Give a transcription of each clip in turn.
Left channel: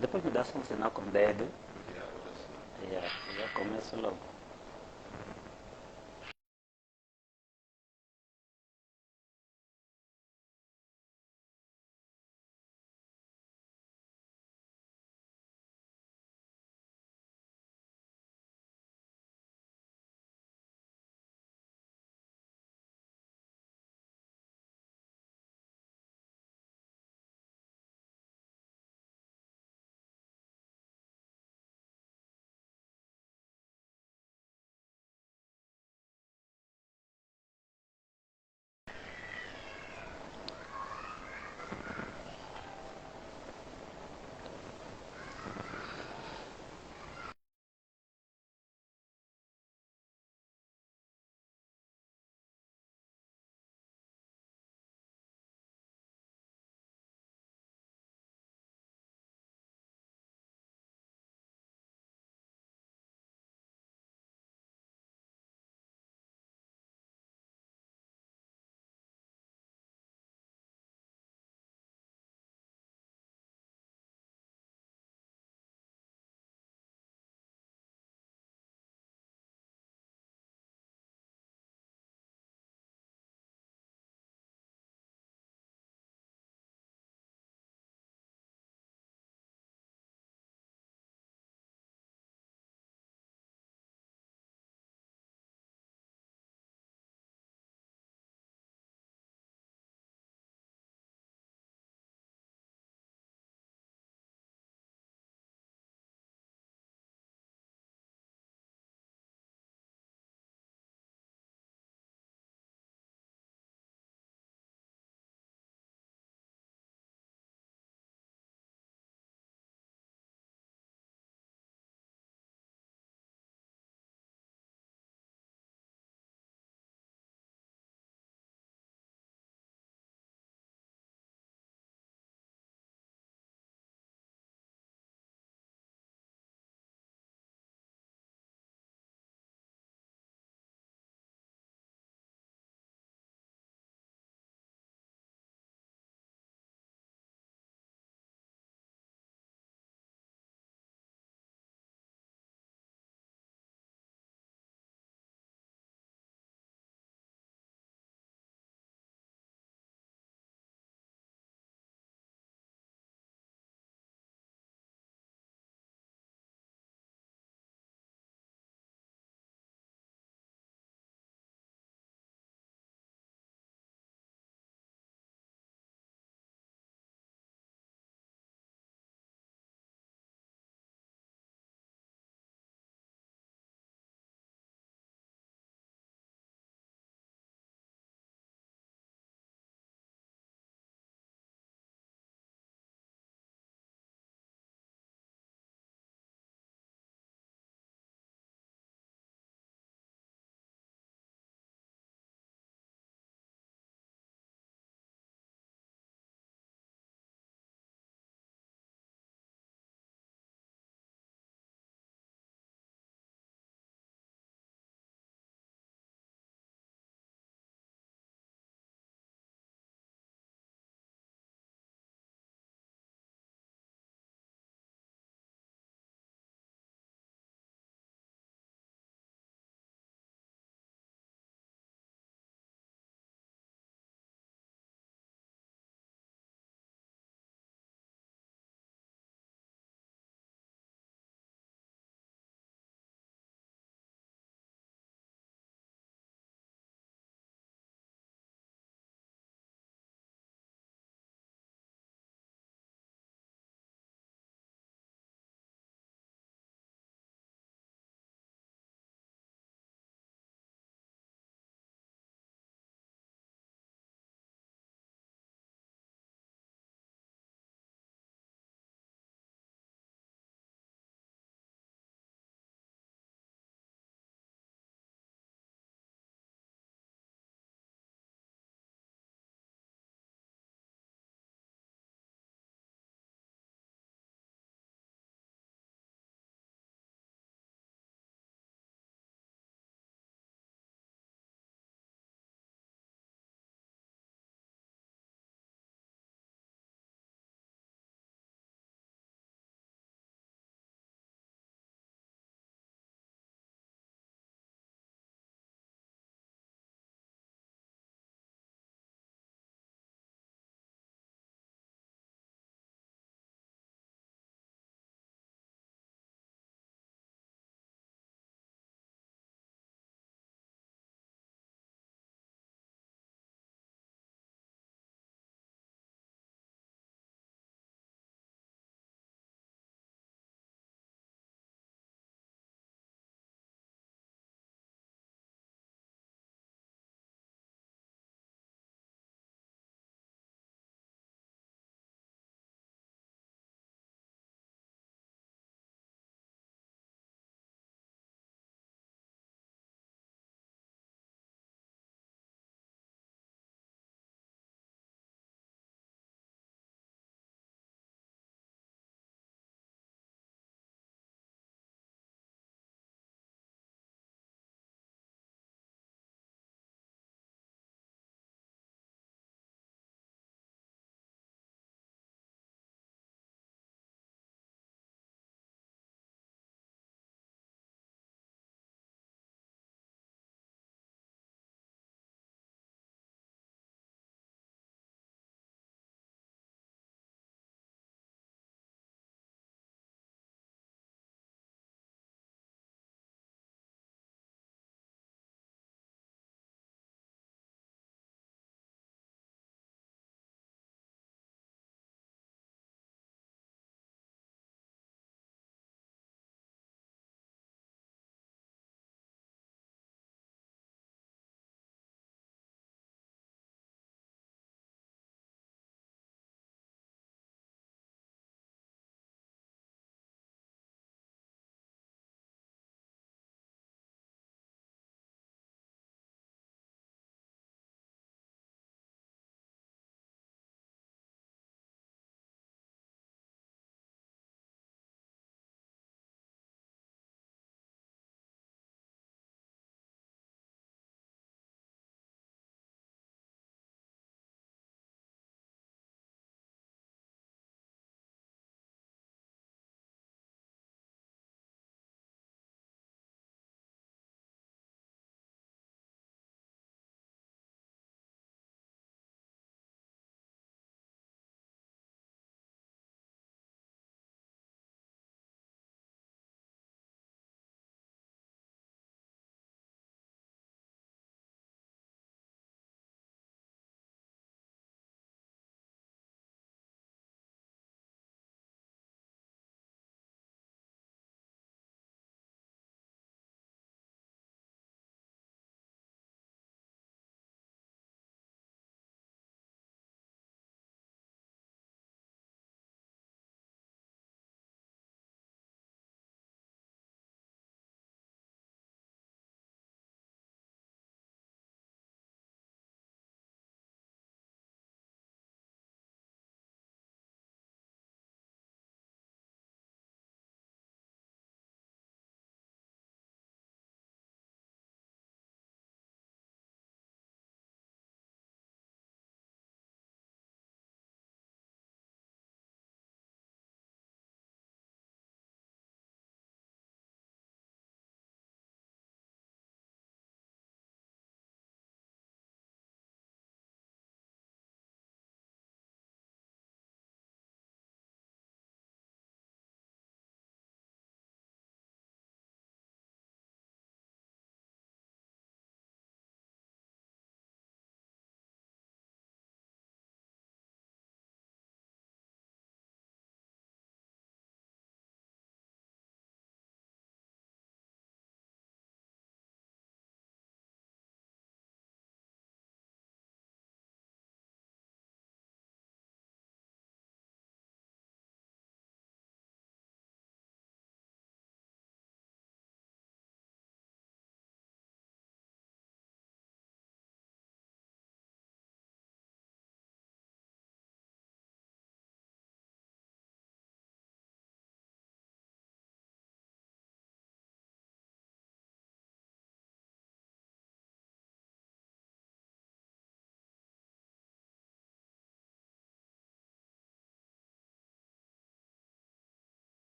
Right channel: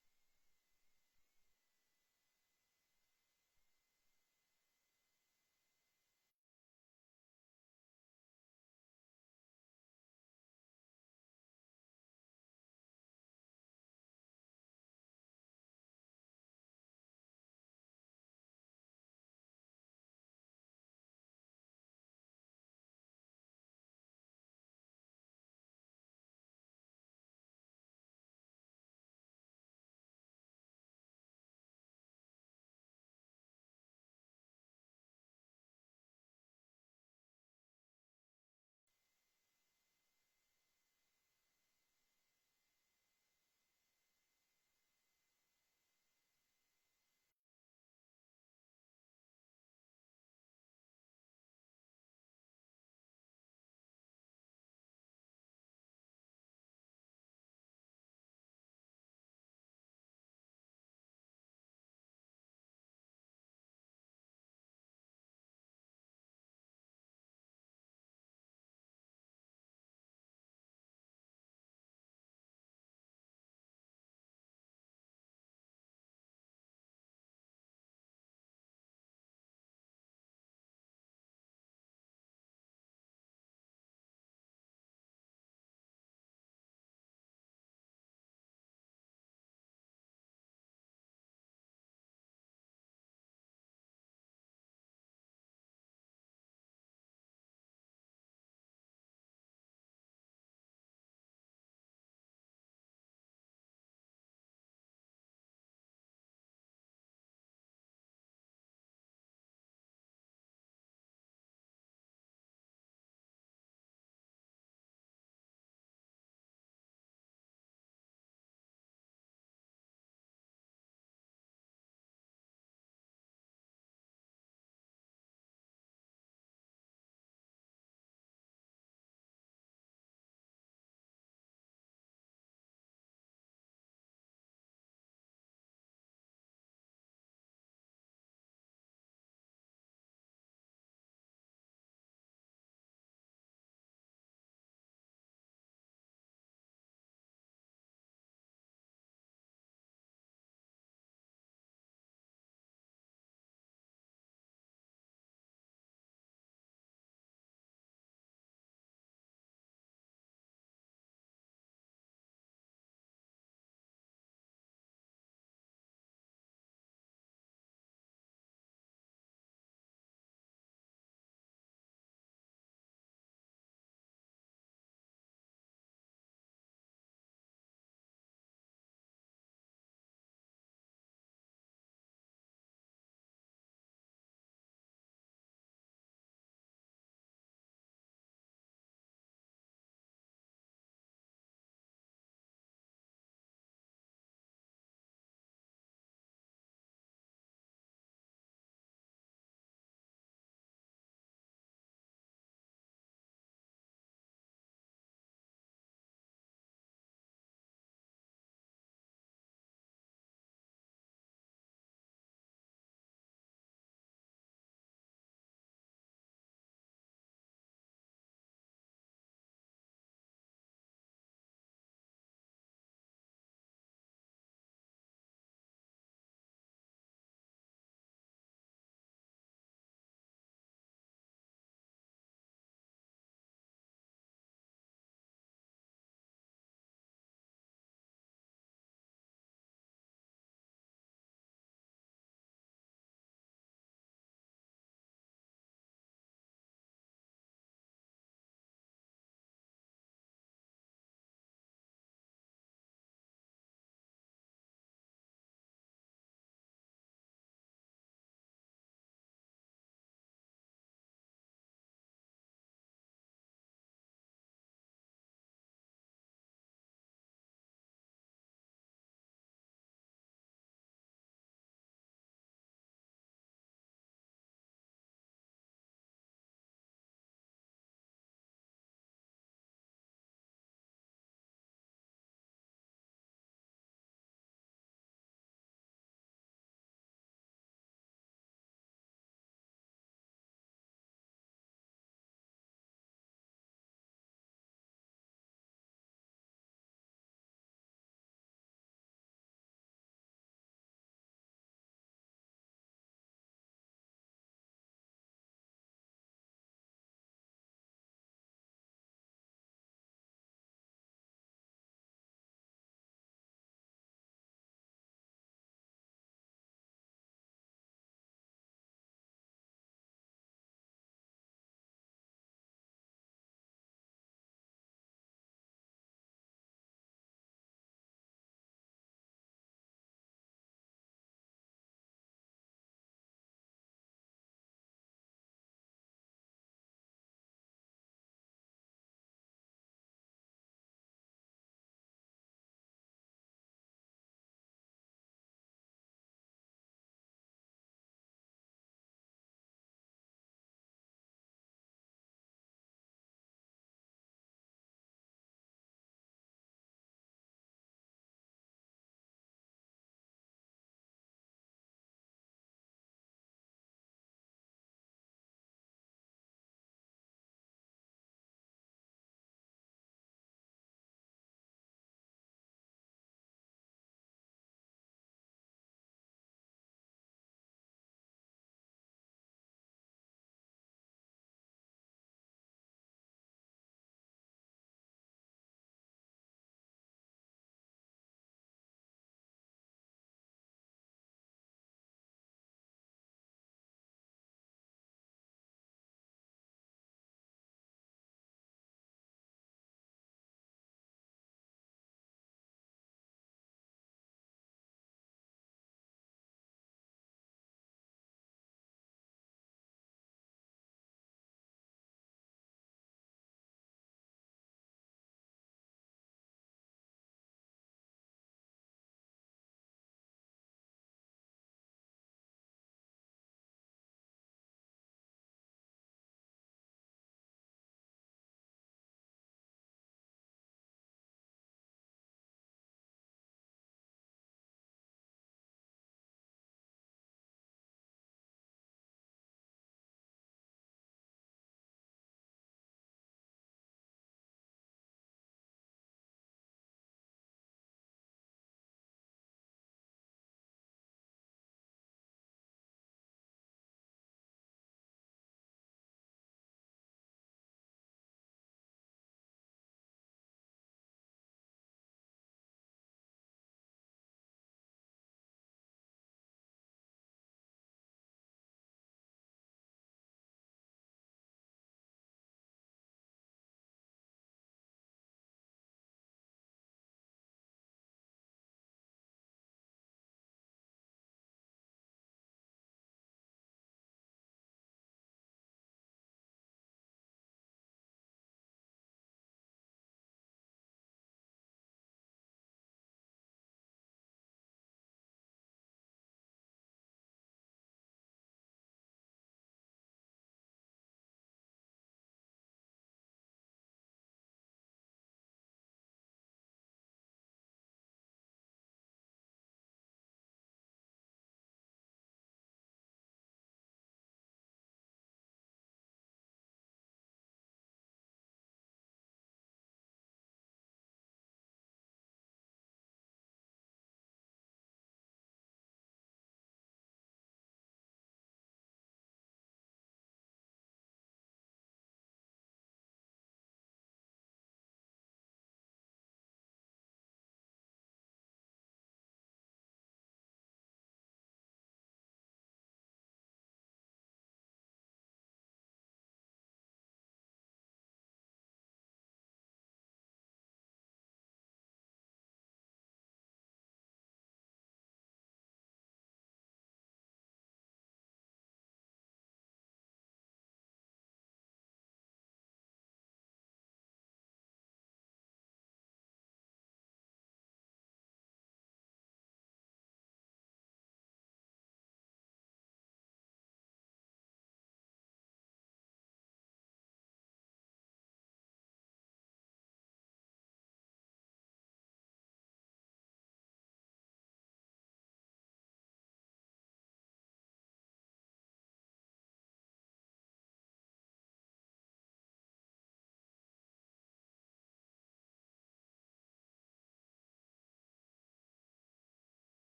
Depois me dá só um sinal com o dedo. Yeah, vou dar sinal. Yeah, eu já começo logo.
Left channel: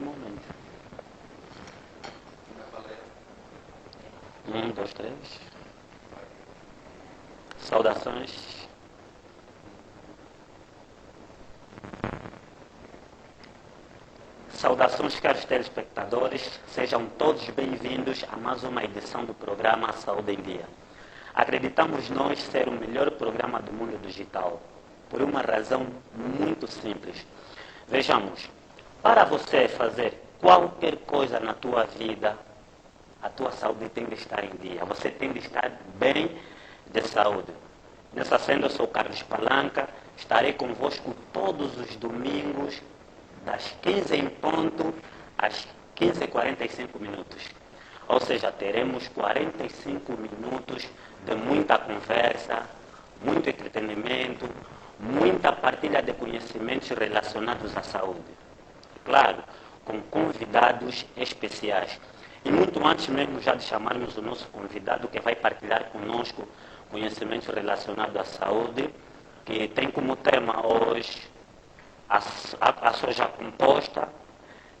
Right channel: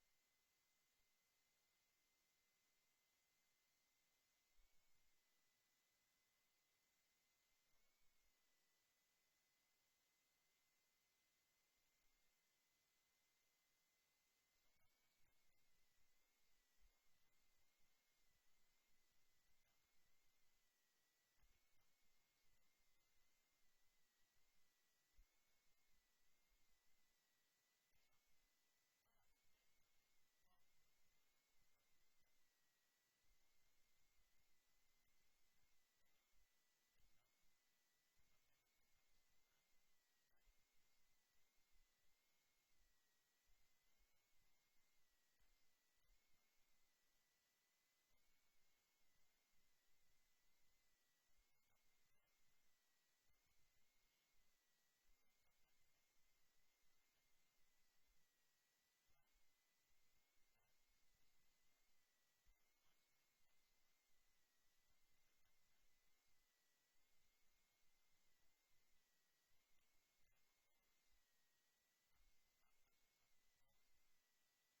normalmente. 2, 3. Saudações. Saudações, caros telespectadores. Sejam todos bem-vindos a mais uma edição do programa Saúde em Dia. Acreditamos nós ser o melhor programa do mundo digital, por uma razão muito simples. Vejamos, para você fazer qualquer coisa na tua vida, a tua saúde tem de estar em dia. Você tem de estar bem de saúde. Nessa senda, eu sou Carlos Palanca. Estarei convosco todos os domingos, das 15 em ponto às 15h45 minutos. Ou seja, teremos 45 minutos de muita conversa, muito entretenimento, muita partilha de conhecimentos relacionados à saúde. Claro, com convidados especiais. E muito antes mesmo já de chamarmos o nosso convidado que vai partilhar conosco conhecimentos relacionados à saúde, que tem como tema hoje a soja composta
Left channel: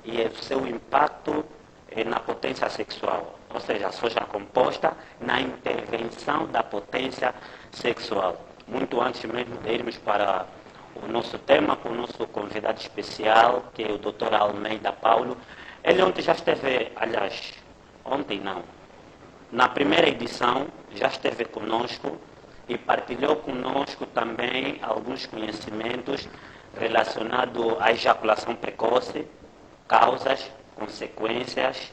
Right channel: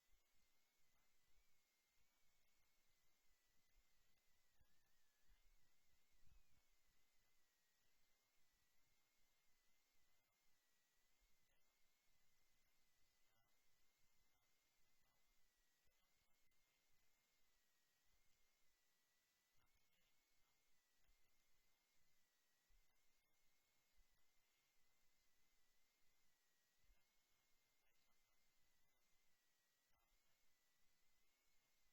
e o seu impacto na potência sexual. Ou seja, a soja composta na intervenção da potência sexual. Muito antes mesmo de irmos para o nosso tema com o nosso convidado especial, que é o Dr. Almeida Paulo. Ele ontem já esteve, aliás, ontem não, na primeira edição já esteve conosco e partilhou conosco também alguns conhecimentos relacionados à ejaculação precoce, causas, consequências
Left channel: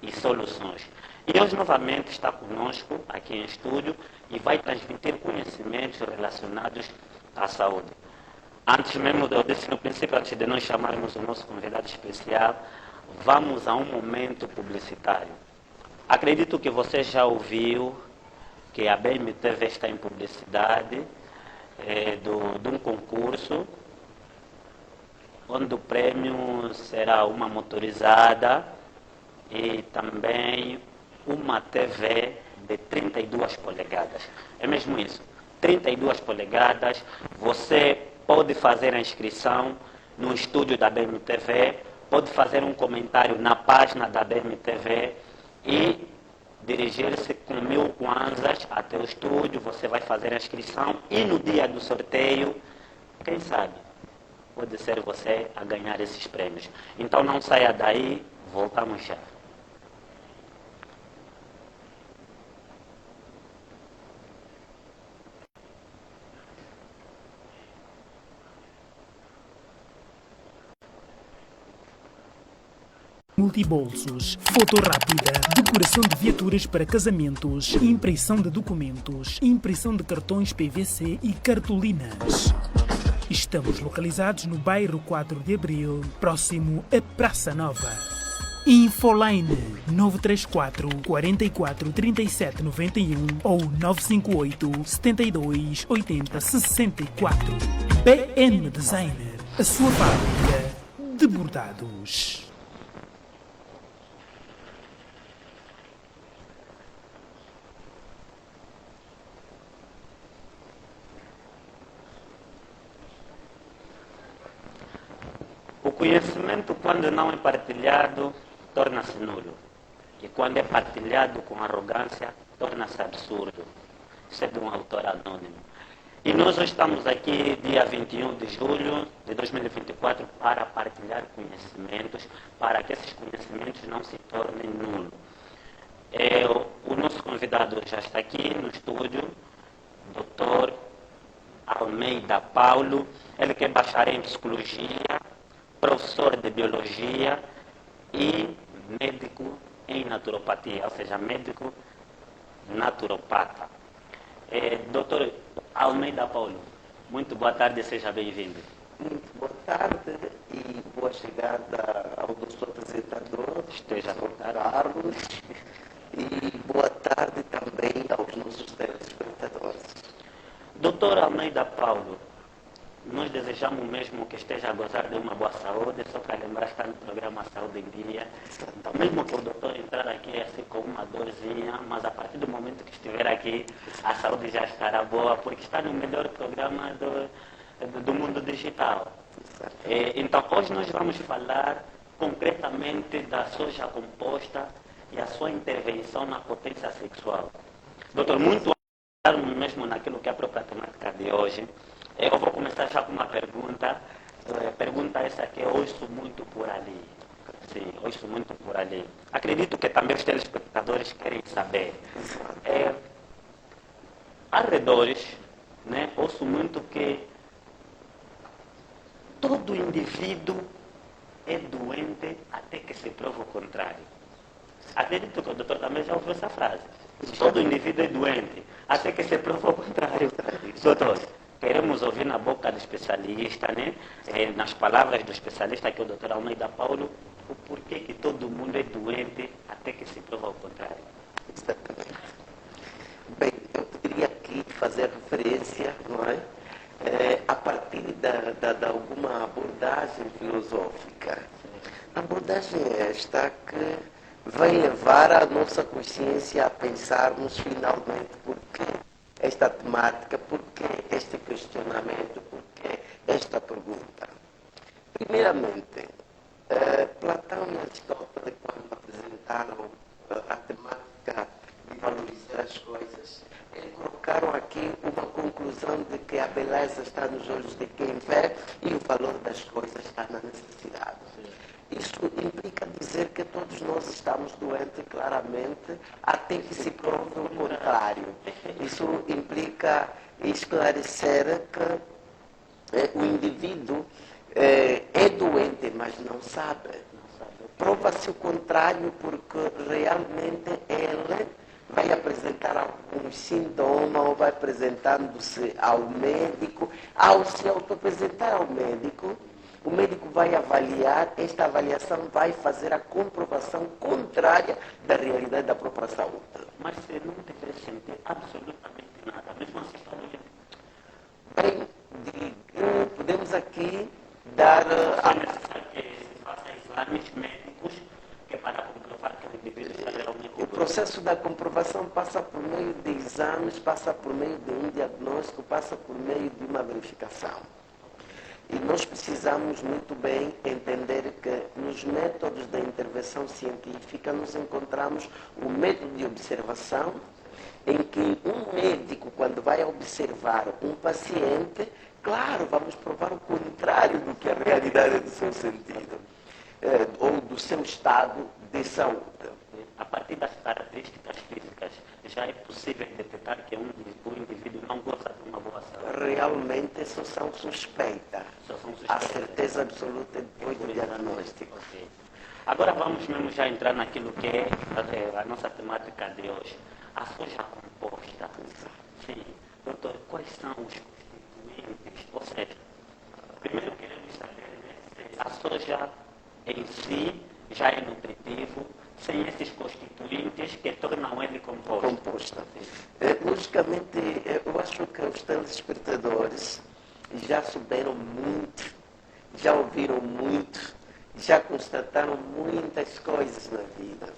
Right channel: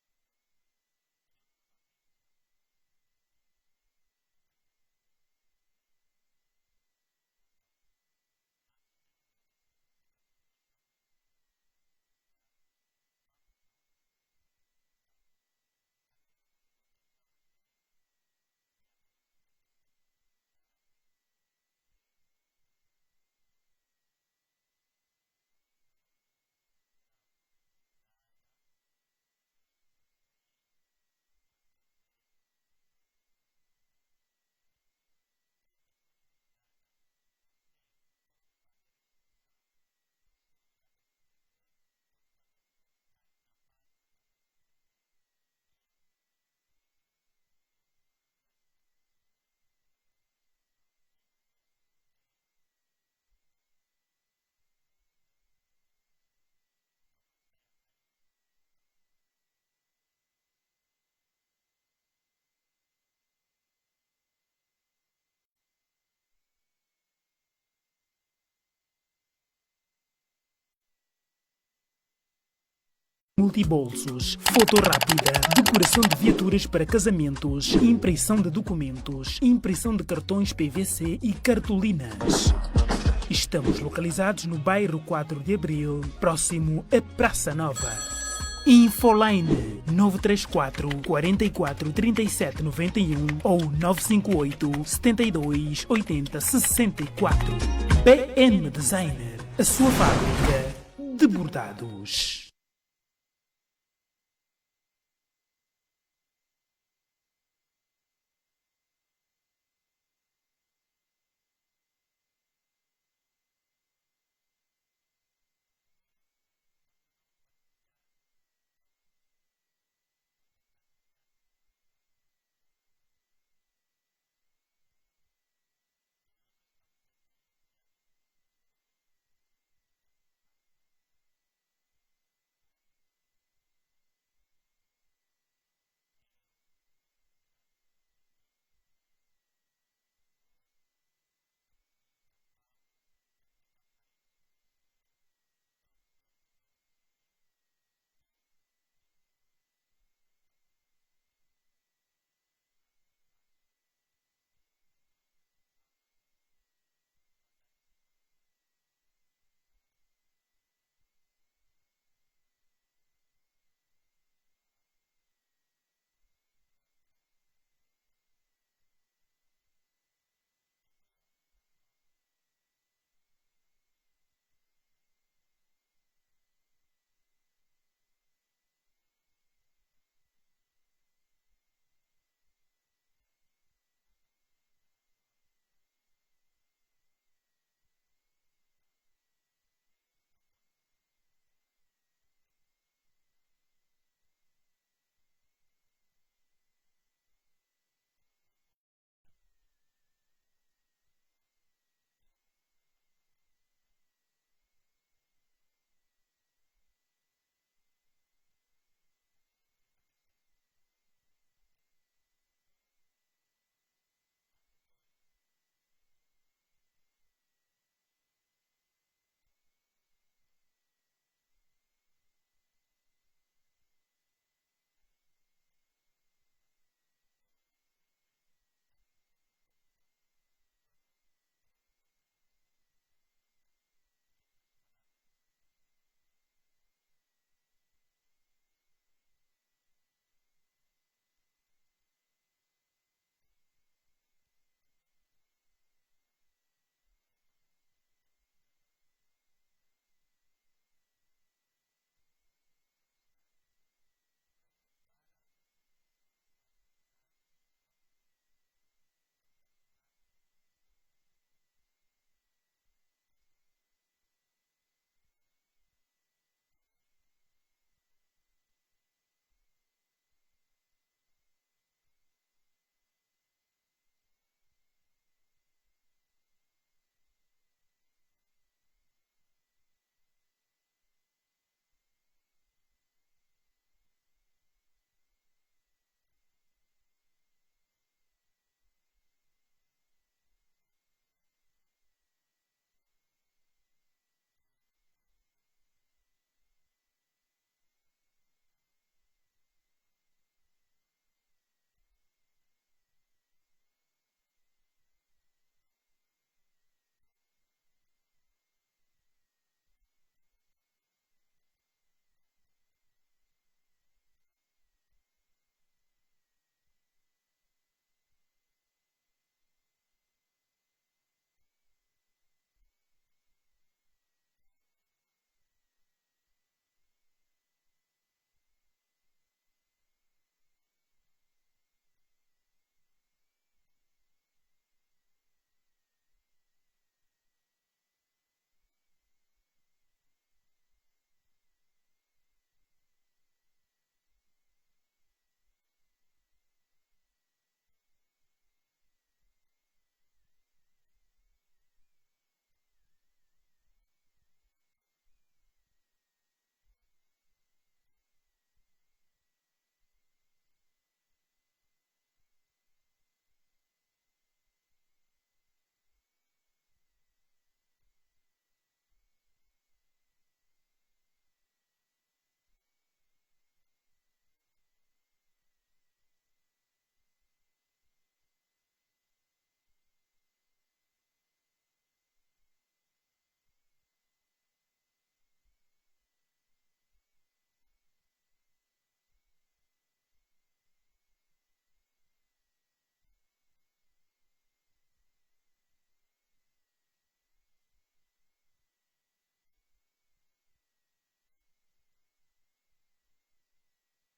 e soluções. E hoje novamente está conosco aqui em estúdio e vai transmitir conhecimentos relacionados à saúde. Antes mesmo, eu disse no princípio, antes de nós chamarmos o nosso convidado especial, vamos a um momento publicitário. Acredito que você já ouviu que a BMTV está em publicidade de um concurso, onde o prêmio será uma motorizada e também uma TV de 32 polegadas. É mesmo isso, 32 polegadas. Você pode fazer a inscrição no estúdio da BMTV, pode fazer um comentário na página da BMTV e dirigir-se com 1000 kwanzas até o estúdio. Você vai fazer a inscrição e no dia do sorteio, quem sabe, pode ser você a ganhar esses prêmios. Então não saia daí, voltamos já. Multibolsos, foto rápida, decoração de viaturas para casamentos, impressão de documentos, impressão de cartões PVC e cartolinas. Estamos localizados no bairro 4 de Abril, próximo à Praça Nova. Infoline 934 44 37 91 ou 958 72 80 64. BM Designer, a sua fábrica de bordados. O conhecimento, quando não é partilhado, torna-se nulo. E quando é partilhado com arrogância, torna-se absurdo. Isso é de um autor anônimo. E nós hoje estamos aqui, dia 21 de julho de 2024, para partilhar conhecimentos, para que esses conhecimentos não se tornem nulos. O nosso convidado já está aqui no estúdio, Dr. Almeida Paulo. Ele que é bacharel em psicologia, professor de biologia e médico em naturopatia, ou seja, médico naturopata. Doutor Almeida Paulo, muito boa tarde e seja bem-vindo. Muito boa tarde e boa chegada ao nosso apresentador, Esteja à vontade. Carlos, e boa tarde também aos nossos telespectadores. Doutor Almeida Paulo, nós desejamos mesmo que esteja a gozar de uma boa saúde, só para lembrar, está no programa Saúde em Dia. Então, mesmo que o doutor entrar aqui assim com uma dorzinha, mas a partir do momento que estiver aqui, a saúde já estará boa, porque está no melhor programa do mundo digital. Então, hoje nós vamos falar concretamente especificamente da soja composta e a sua intervenção na potência sexual. Doutor, muito mesmo naquilo que é a própria temática de hoje, eu vou começar já com uma pergunta. Pergunta essa que eu ouço muito por ali. Sim, ouço muito por ali. Acredito que também os telespectadores querem saber. Arredores, né, ouço muito que todo indivíduo é doente até que se prove o contrário. Acredito que o doutor também já ouviu essa frase. Todo indivíduo é doente até que se prove o contrário. Doutor, queremos ouvir na boca do especialista, né? Nas palavras do especialista, que é o doutor Almeida Paulo, o porquê que todo mundo é doente até que se prova o contrário. Exatamente. Bem, eu poderia aqui fazer referência, não é? A partir de alguma abordagem filosófica. A abordagem é esta que vai levar a nossa consciência a pensarmos finalmente por que esta temática, por que este questionamento, por que esta pergunta. Primeiramente, Platão e Aristóteles, quando apresentaram a temática de valorizar as coisas, colocaram aqui uma conclusão de que a beleza está nos olhos de quem vê e o valor das coisas está na necessidade. Isso implica dizer que todos nós estamos doentes, claramente, até que se prove o contrário. Isso implica esclarecer que o indivíduo é doente, mas não sabe. Prova-se o contrário porque realmente ele vai apresentar alguns sintomas ou vai apresentando-se ao médico. Ao se auto-apresentar ao médico, o médico vai avaliar, esta avaliação vai fazer a comprovação contrária da realidade da própria saúde. Mas se não deveria sentir absolutamente nada, mesmo assim está doente. Bem, podemos aqui dar... É necessário que se faça exames médicos que para comprovar que o indivíduo está realmente doente. O processo da comprovação passa por meio de exames, passa por meio de um diagnóstico, passa por meio de uma verificação. E nós precisamos muito bem entender que nos métodos da intervenção científica nós encontramos o método de observação, em que um médico, quando vai observar um paciente, claro, vamos provar o contrário do que a realidade do seu sentido, ou do seu estado de saúde. A partir das características físicas, já é possível detectar que o indivíduo não goza de uma boa saúde. Realmente isso são suspeitas. A certeza absoluta depois do diagnóstico. Okay. Agora vamos mesmo já entrar naquilo que é a nossa temática de hoje. A soja composta. Sim. Doutor, quais são os constituintes? Ou seja, primeiro queremos saber se a soja em si já é nutritivo, sem esses constituintes que tornam ele composta. Logicamente, eu acho que os telespectadores já souberam muito, já ouviram muito, já constataram muitas coisas na vida,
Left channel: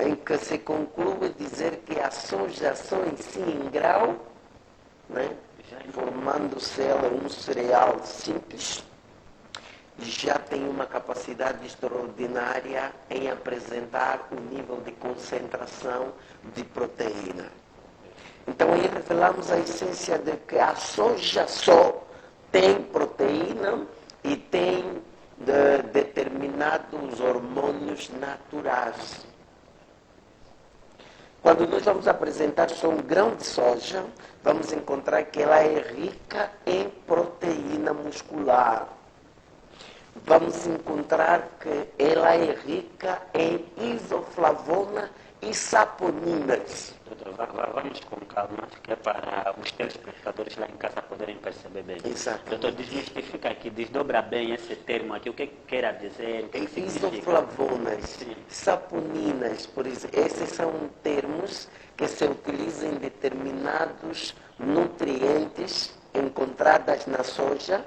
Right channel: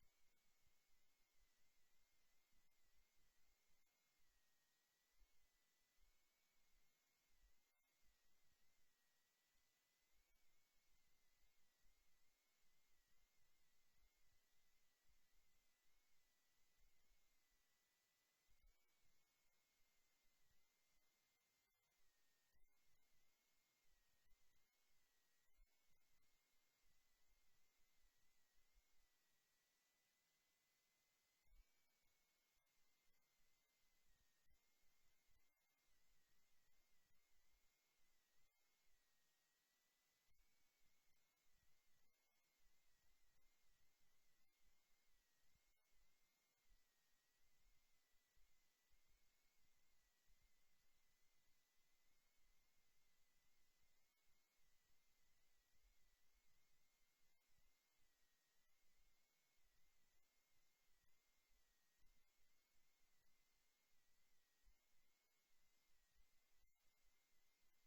em que se conclui dizer que a soja só em si em grau, né, formando-se ela um cereal simples, já tem uma capacidade extraordinária em apresentar o nível de concentração de proteína. Então aí revelamos a essência de que a soja só tem proteína e tem determinados hormônios naturais. Quando nós vamos apresentar só um grão de soja, vamos encontrar que ela é rica em proteína muscular. Vamos encontrar que ela é rica em isoflavona e saponinas. Doutor, vamos com calma, que é para os telespectadores lá em casa poderem perceber bem. Exato. Doutor, desmistifica aqui, desdobra bem esse termo aqui, o que quer dizer, o que significa? Isoflavonas, saponinas, por exemplo, esses são termos que se utilizam em determinados nutrientes encontrados na soja,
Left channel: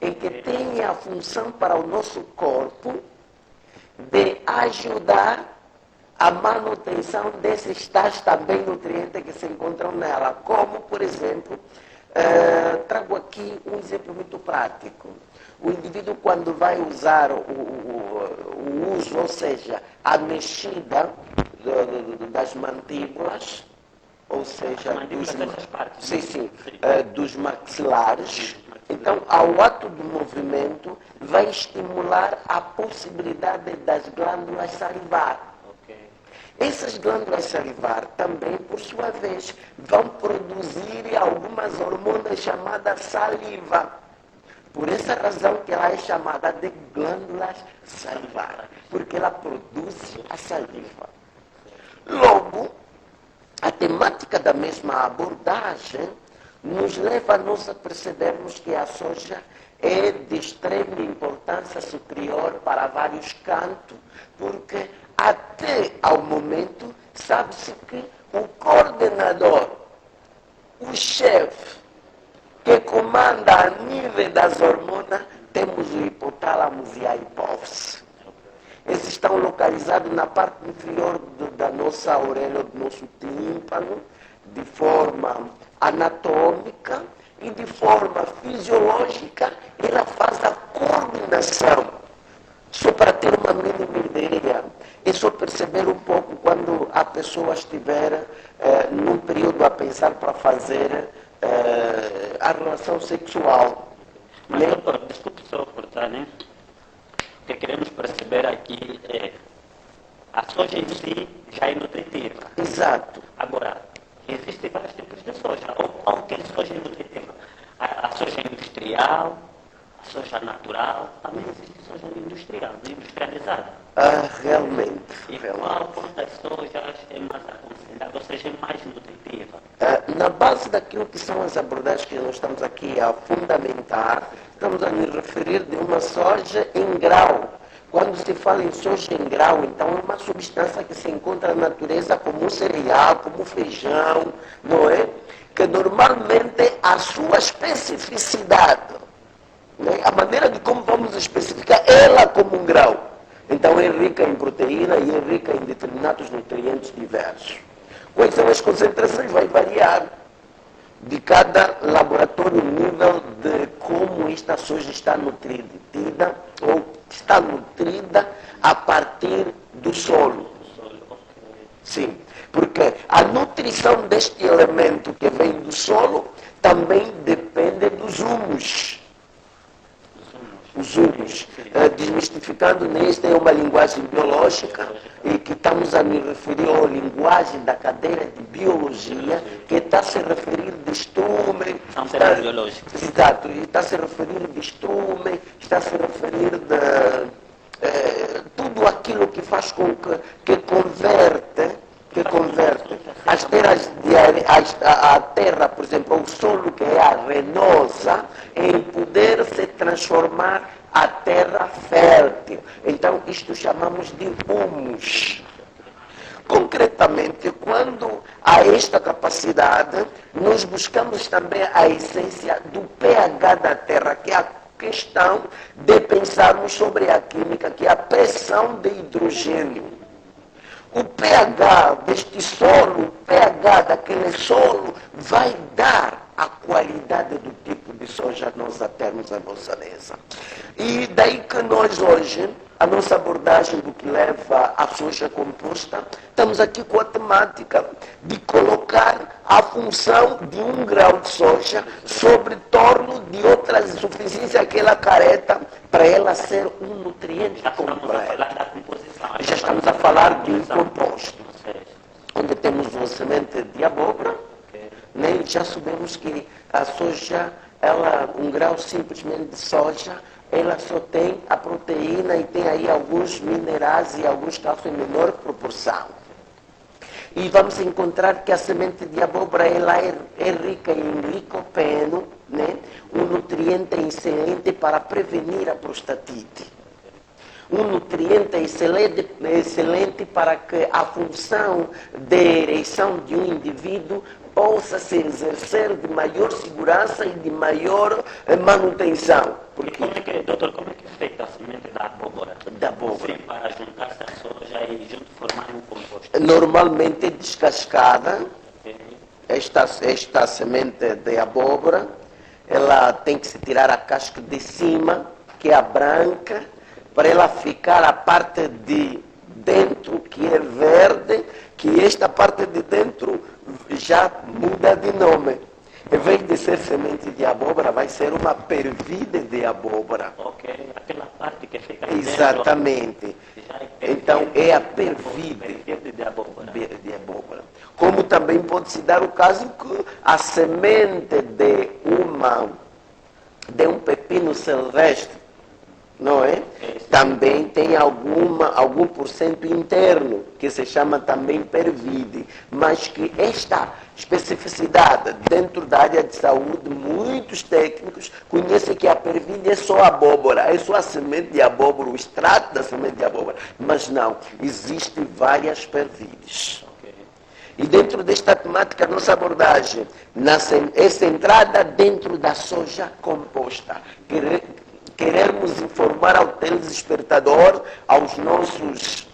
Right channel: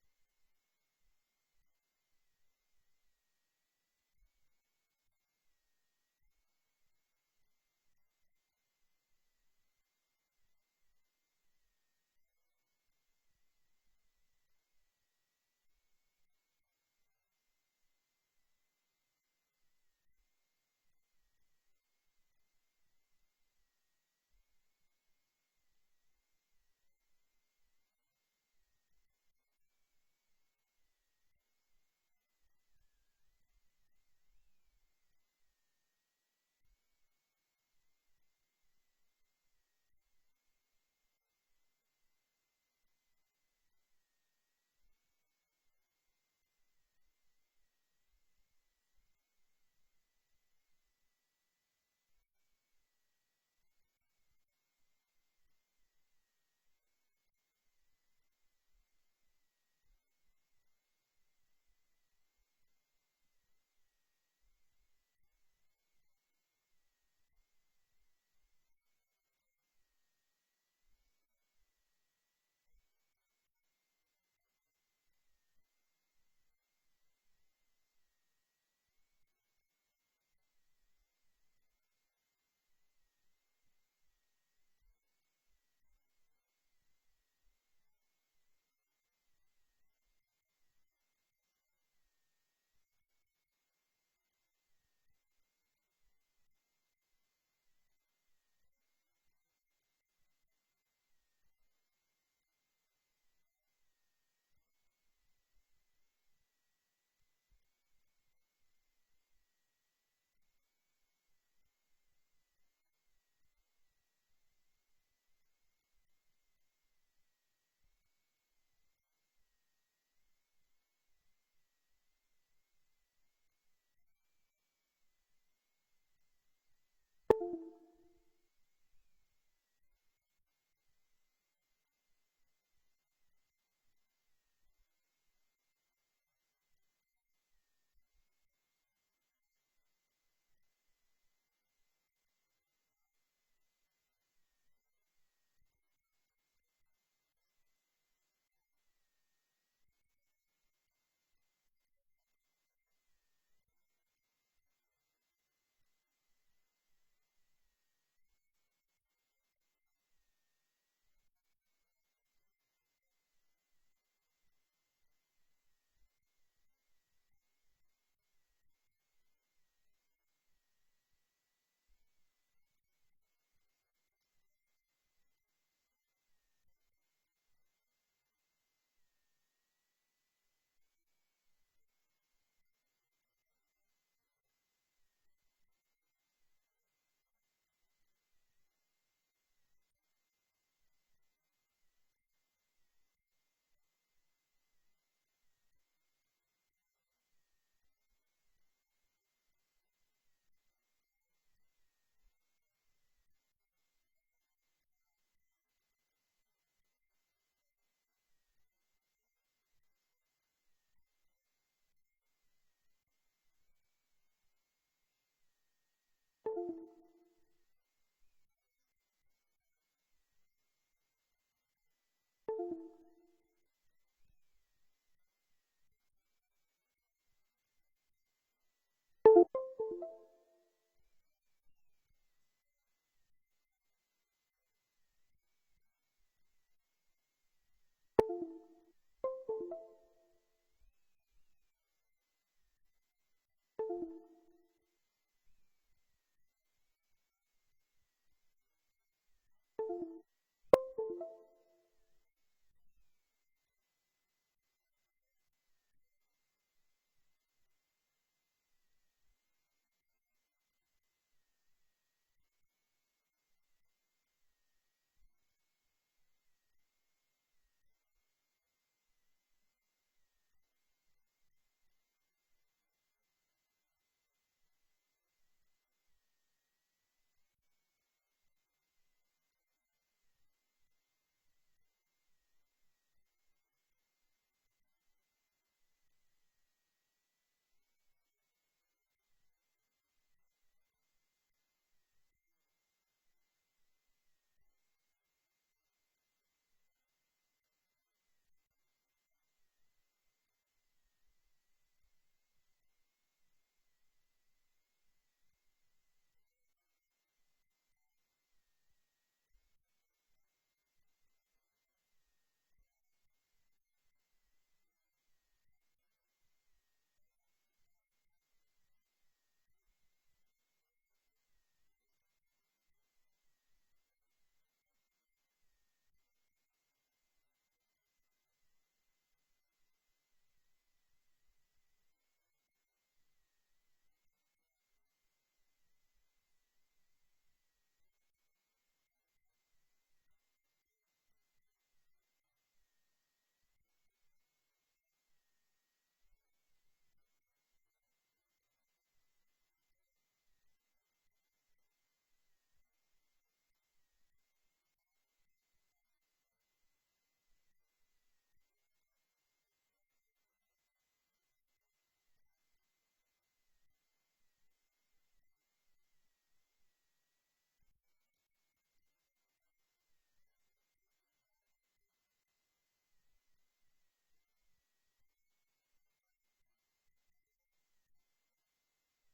em que tem a função para o nosso corpo de ajudar a manutenção desses tais também nutrientes que se encontram nela, como, por exemplo, trago aqui um exemplo muito prático. O indivíduo, quando vai usar o uso, ou seja, a mexida das mandíbulas, ou seja, dos maxilares, então, ao ato do movimento, vai estimular a possibilidade das glândulas salivar. Essas glândulas salivar também, por sua vez, vão produzir algumas hormonas chamadas saliva. Por essa razão que ela é chamada de glândulas salivar, porque ela produz a saliva. Logo, a temática da mesma abordagem nos leva a nós a percebermos que a soja é de extrema importância superior para vários cantos, porque até ao momento sabe-se que o coordenador, o chefe, que comanda a nível das hormonas, temos o hipotálamo e a hipófise. Esses estão localizados na parte inferior da nossa orelha, do nosso tímpano, de forma anatômica e de forma fisiológica, ela faz a coordenação. Só para ter uma mínima ideia, é só perceber um pouco quando a pessoa estiver num período a pensar para fazer a relação sexual. Mas, doutor, desculpe só cortar, né? O que queremos perceber aqui é a soja em si já é nutritiva. Exato. Agora, existem vários tipos de soja. Ou que soja é nutritiva? A soja industrial, a soja natural, também existe soja industrial, industrializada. Realmente. E qual das sojas é mais aconselhada, ou seja, é mais nutritiva? Na base daquilo que são as abordagens que nós estamos aqui a fundamentar, estamos a nos referir de uma soja em grau. Quando se fala em soja em grau, então é uma substância que se encontra na natureza como um cereal, como feijão, não é? Que normalmente a sua especificidade, né? A maneira de como vamos especificar ela como um grau. Então é rica em proteína e é rica em determinados nutrientes diversos. Quais são as concentrações? Vai variar de cada laboratório o nível de como esta soja está nutrida ou está nutrida a partir do solo. Sim, porque a nutrição deste elemento que vem do solo também depende dos humus. Os humus. Desmistificando, nesta é uma linguagem biológica e que estamos a nos referir à linguagem da cadeira de biologia, que está a se referir de estrume. São termos biológicos. Exato, e está a se referir de estrume, está a se referir de tudo aquilo que faz com que converte as terras a terra, por exemplo, o solo que é arenosa, em poder se transformar a terra fértil. Então, isto chamamos de humus. Concretamente, quando há esta capacidade, nós buscamos também a essência do pH da terra, que é a questão de pensarmos sobre a química, que é a pressão de hidrogênio. O pH deste solo, o pH daquele solo, vai dar a qualidade do tipo de soja nós a termos à nossa mesa. E daí que nós hoje, a nossa abordagem do que leva à soja composta, estamos aqui com a temática de colocar a função de 1 grau de soja sobre torno de outras insuficiências que ela careta para ela ser um nutriente completo. Já estamos a falar de um composto, onde temos uma semente de abóbora, né? Já sabemos que a soja, um grau simplesmente de soja, ela só tem a proteína e tem aí alguns minerais e alguns cálcios em menor proporção. E vamos encontrar que a semente de abóbora ela é rica em licopeno, né? Um nutriente excelente para prevenir a prostatite. Um nutriente excelente para que a função de ereção de um indivíduo possa se exercer de maior segurança e de maior manutenção. Porque... Doutor, como é que é feita a semente da abóbora? Da abóbora. Sim, para juntar-se à soja e junto formar um composto. Normalmente descascada, esta semente de abóbora, ela tem que se tirar a casca de cima, que é a branca, para ela ficar a parte de dentro que é verde, que esta parte de dentro já muda de nome. Em vez de ser semente de abóbora, vai ser uma pervide de abóbora. Ok, aquela parte que fica Exatamente. Então é a perfide de abóbora. de abóbora. Como também pode se dar o caso que a semente de um pepino silvestre, não é? Também tem algum porcento interno, que se chama também pervide, mas que esta especificidade dentro da área de saúde, muitos técnicos conhecem que a pervide é só abóbora, é só a semente de abóbora, o extrato da semente de abóbora, mas não, existem várias pervides. E dentro desta temática, nossa abordagem é centrada dentro da soja composta. Queremos informar ao telespectador, aos nossos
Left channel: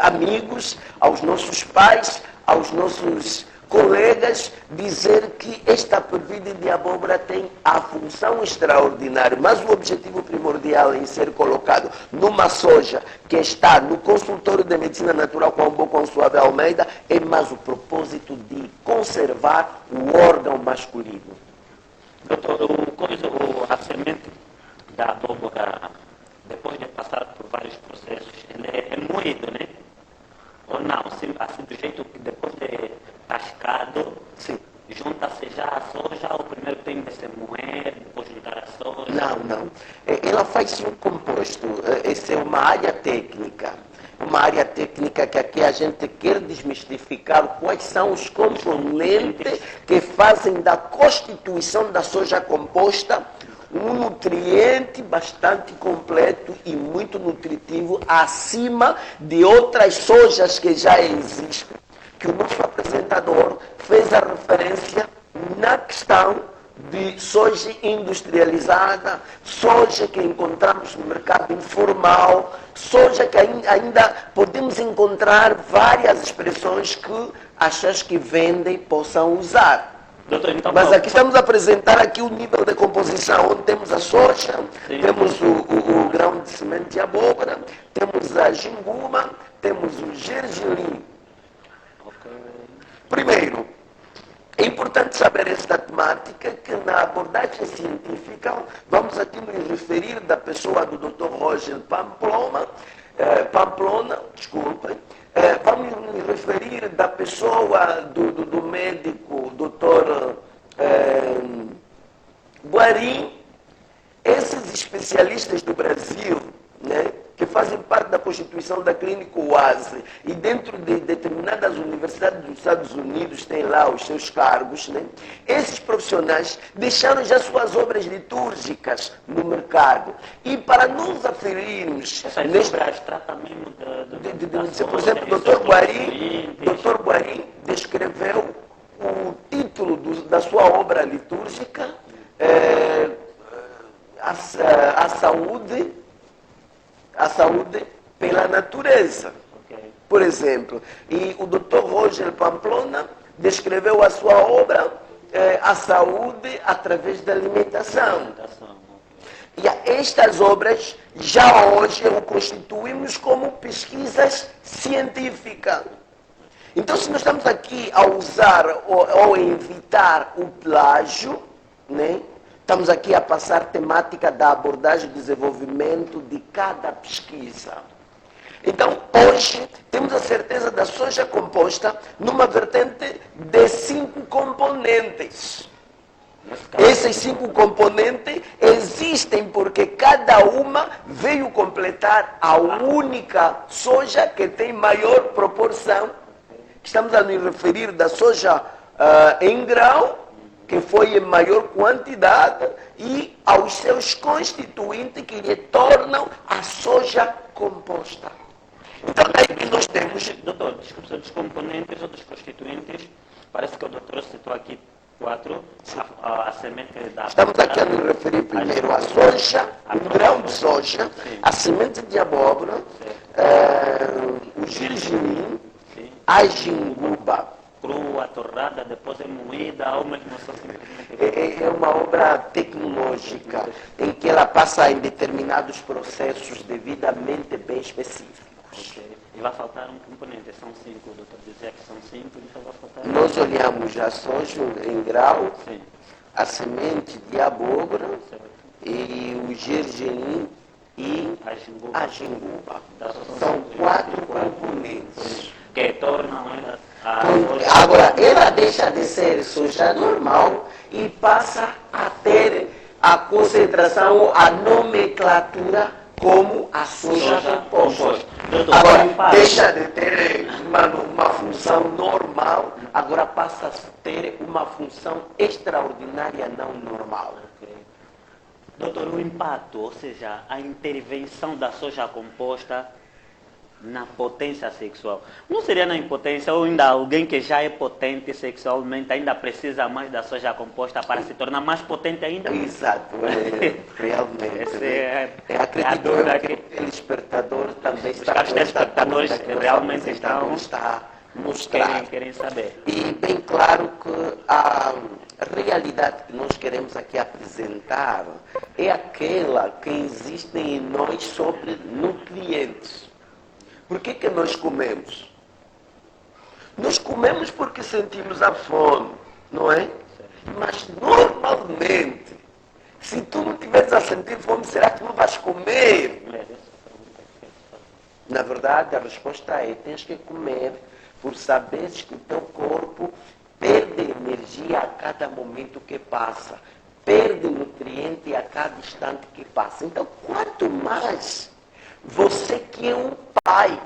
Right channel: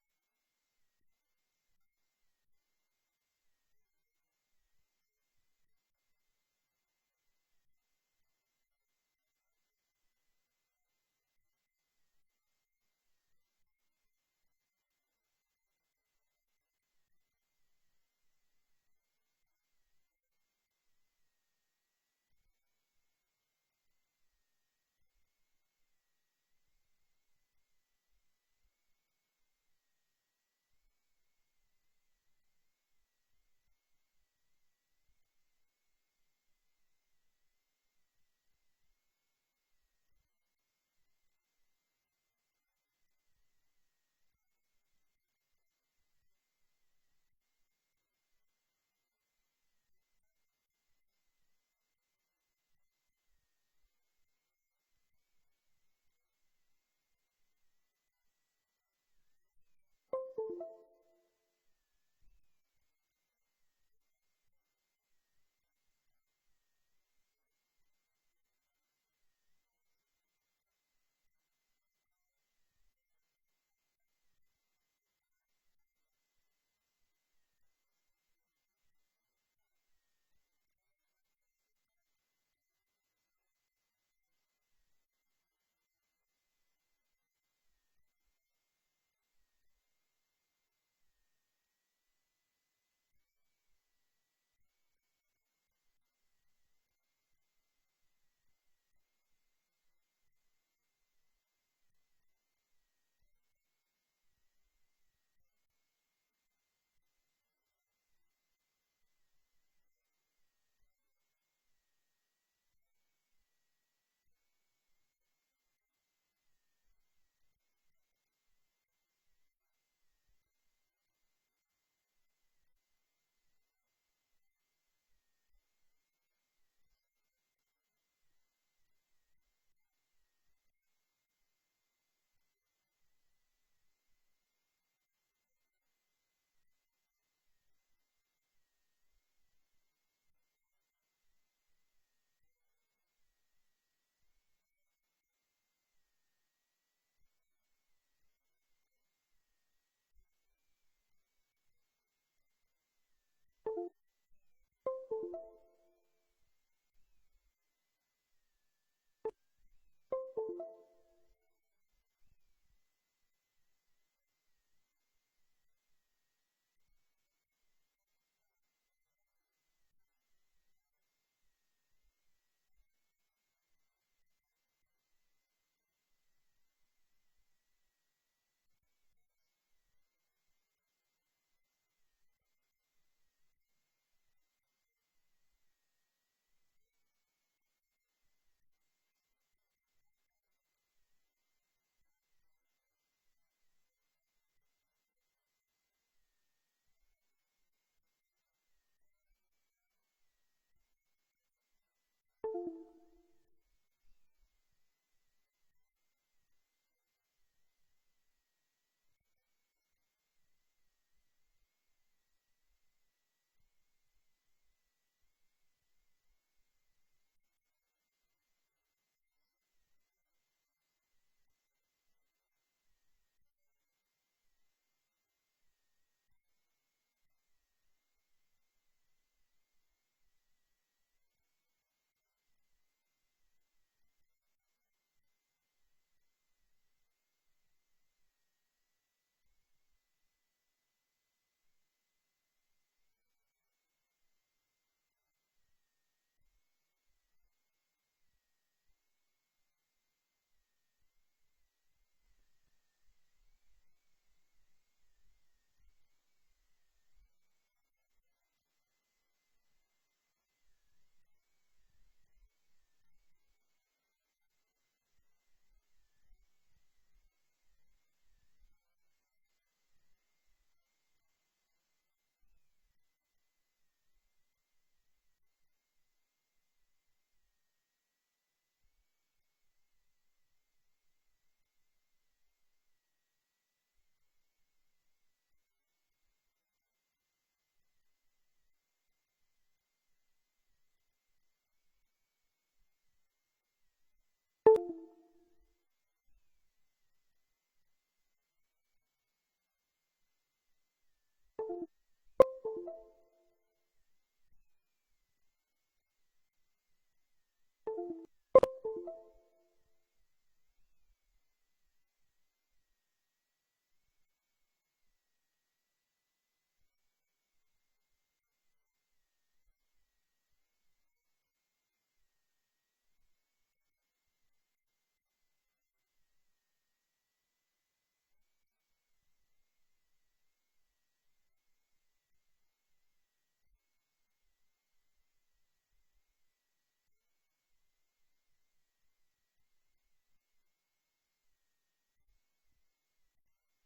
amigos, aos nossos pais, aos nossos colegas, dizer que esta pervide de abóbora tem a função extraordinária, mas o objetivo primordial em ser colocado numa soja que está no consultório de medicina natural com o Bom Consuave Almeida é mais o propósito de conservar o órgão masculino. Doutor, a semente da abóbora, depois de passar por vários processos, ele é moído, né? Ou não? Assim do jeito que depois de cascado, junta-se já a soja, ou primeiro tem de se moer, depois juntar a soja? Não. Ela faz um composto. Essa é uma área técnica. Uma área técnica que aqui a gente quer desmistificar quais são os componentes que fazem da constituição da soja composta um nutriente bastante completo e muito nutritivo acima de outras sojas que já existem, que o nosso apresentador fez a referência na questão de soja industrializada, soja que encontramos no mercado informal, soja que ainda podemos encontrar várias expressões que as que vendem possam usar. Doutor, então, mas aqui estamos a apresentar aqui o nível de composição, onde temos a soja, temos o grão de semente de abóbora, temos a jinguma, temos o gergelim. Primeiro, é importante saber esta temática que na abordagem científica vamos aqui nos referir da pessoa do Dr. Roger Pamplona, vamos nos referir da pessoa do médico Dr. Guarim, esses especialistas do Brasil, né, que fazem parte da constituição da Clínica UASE e dentro de determinadas universidades dos Estados Unidos têm lá os seus cargos, né? Esses profissionais deixaram já suas obras litúrgicas no mercado. E para nos aferirmos... Essas obras tratam mesmo por exemplo, o Dr. Guarim descreveu o título da sua obra litúrgica, a saúde pela natureza. Por exemplo, e o Dr. Roger Pamplona descreveu a sua obra, a saúde através da alimentação. E estas obras, já hoje, o constituímos como pesquisas científicas. Então, se nós estamos aqui a usar ou a evitar o plágio, né? Estamos aqui a passar temática da abordagem e desenvolvimento de cada pesquisa. Então, hoje, temos a certeza da soja composta numa vertente de 5 componentes. Esses 5 componentes existem porque cada uma veio completar a única soja que tem maior proporção. Estamos a nos referir da soja em grão, que foi em maior quantidade, e aos seus constituintes que lhe tornam a soja composta. Então, daí que nós temos... Doutor, desculpe, dos componentes ou dos constituintes, parece que o doutor citou aqui 4, a semente da... Estamos aqui a nos referir primeiro à soja, o grão de soja, a semente de abóbora, o gergelim, a jinguba. água torrada, depois é moída, ou mesmo só simplesmente... É uma obra tecnológica em que ela passa em determinados processos devidamente bem específicos. Ok. E vai faltar um componente, são 5, o doutor dizia que são 5, então vai faltar... Nós olhamos a soja em grau, Sim, a semente de abóbora certo. e o gergelim e A jinguba. a jinguba. Da soja. São 4 componentes. Que tornam a Agora, ela deixa de ser soja normal e passa a ter a concentração, a nomenclatura como a soja composta. Doutor, Agora, deixa de ter uma função normal, agora passa a ter uma função extraordinária não normal. Ok. Doutor, o impacto, ou seja, a intervenção da soja composta na potência sexual. Não seria na impotência ou ainda alguém que já é potente sexualmente ainda precisa mais da soja composta para se tornar mais potente ainda? Exato, realmente. Essa é a Acredito dúvida que o telespectador também está caros telespectadores realmente estão... está mostrar. Querem saber. E bem claro que a realidade que nós queremos aqui apresentar é aquela que existe em nós sobre nutrientes. Por que nós comemos? Nós comemos porque sentimos a fome, não é? Mas normalmente, se tu não estiveres a sentir fome, será que não vais comer? Na verdade, a resposta é: tens que comer por saberes que o teu corpo perde energia a cada momento que passa, perde nutriente a cada instante que passa. Então, quanto mais você que é um pai,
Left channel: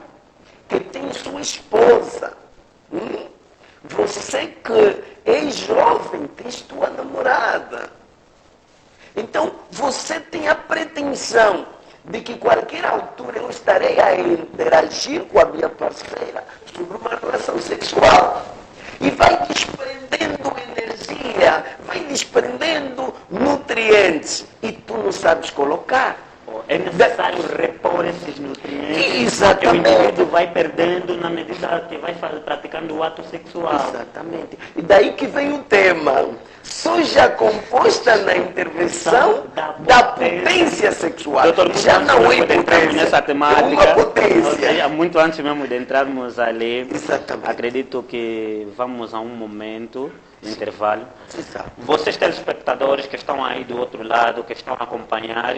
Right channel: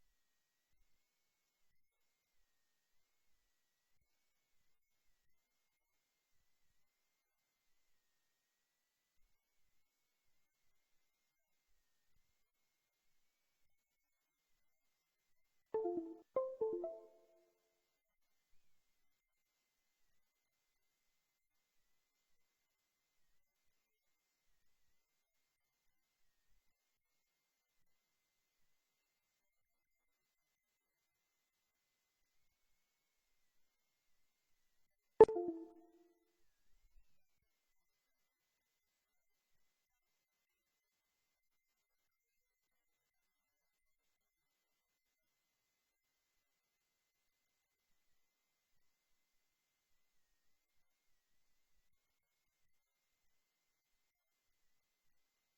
que tem sua esposa, você que é jovem, tens tua namorada. Então, você tem a pretensão de que qualquer altura eu estarei a interagir com a minha parceira sobre uma relação sexual. E vai desprendendo energia, vai desprendendo nutrientes. E tu não sabes colocar. É necessário repor esses nutrientes. Exatamente. Que o indivíduo vai perdendo na medida que vai praticando o ato sexual. Exatamente. E daí que vem o tema. Soja composta na intervenção da potência sexual. Doutor, já não é entrarmos potência, nessa temática, é uma potência. Ou seja, muito antes mesmo de entrarmos ali, Exatamente. acredito que vamos a um momento, um intervalo. Exato. Vocês telespectadores que estão aí do outro lado, que estão a acompanhar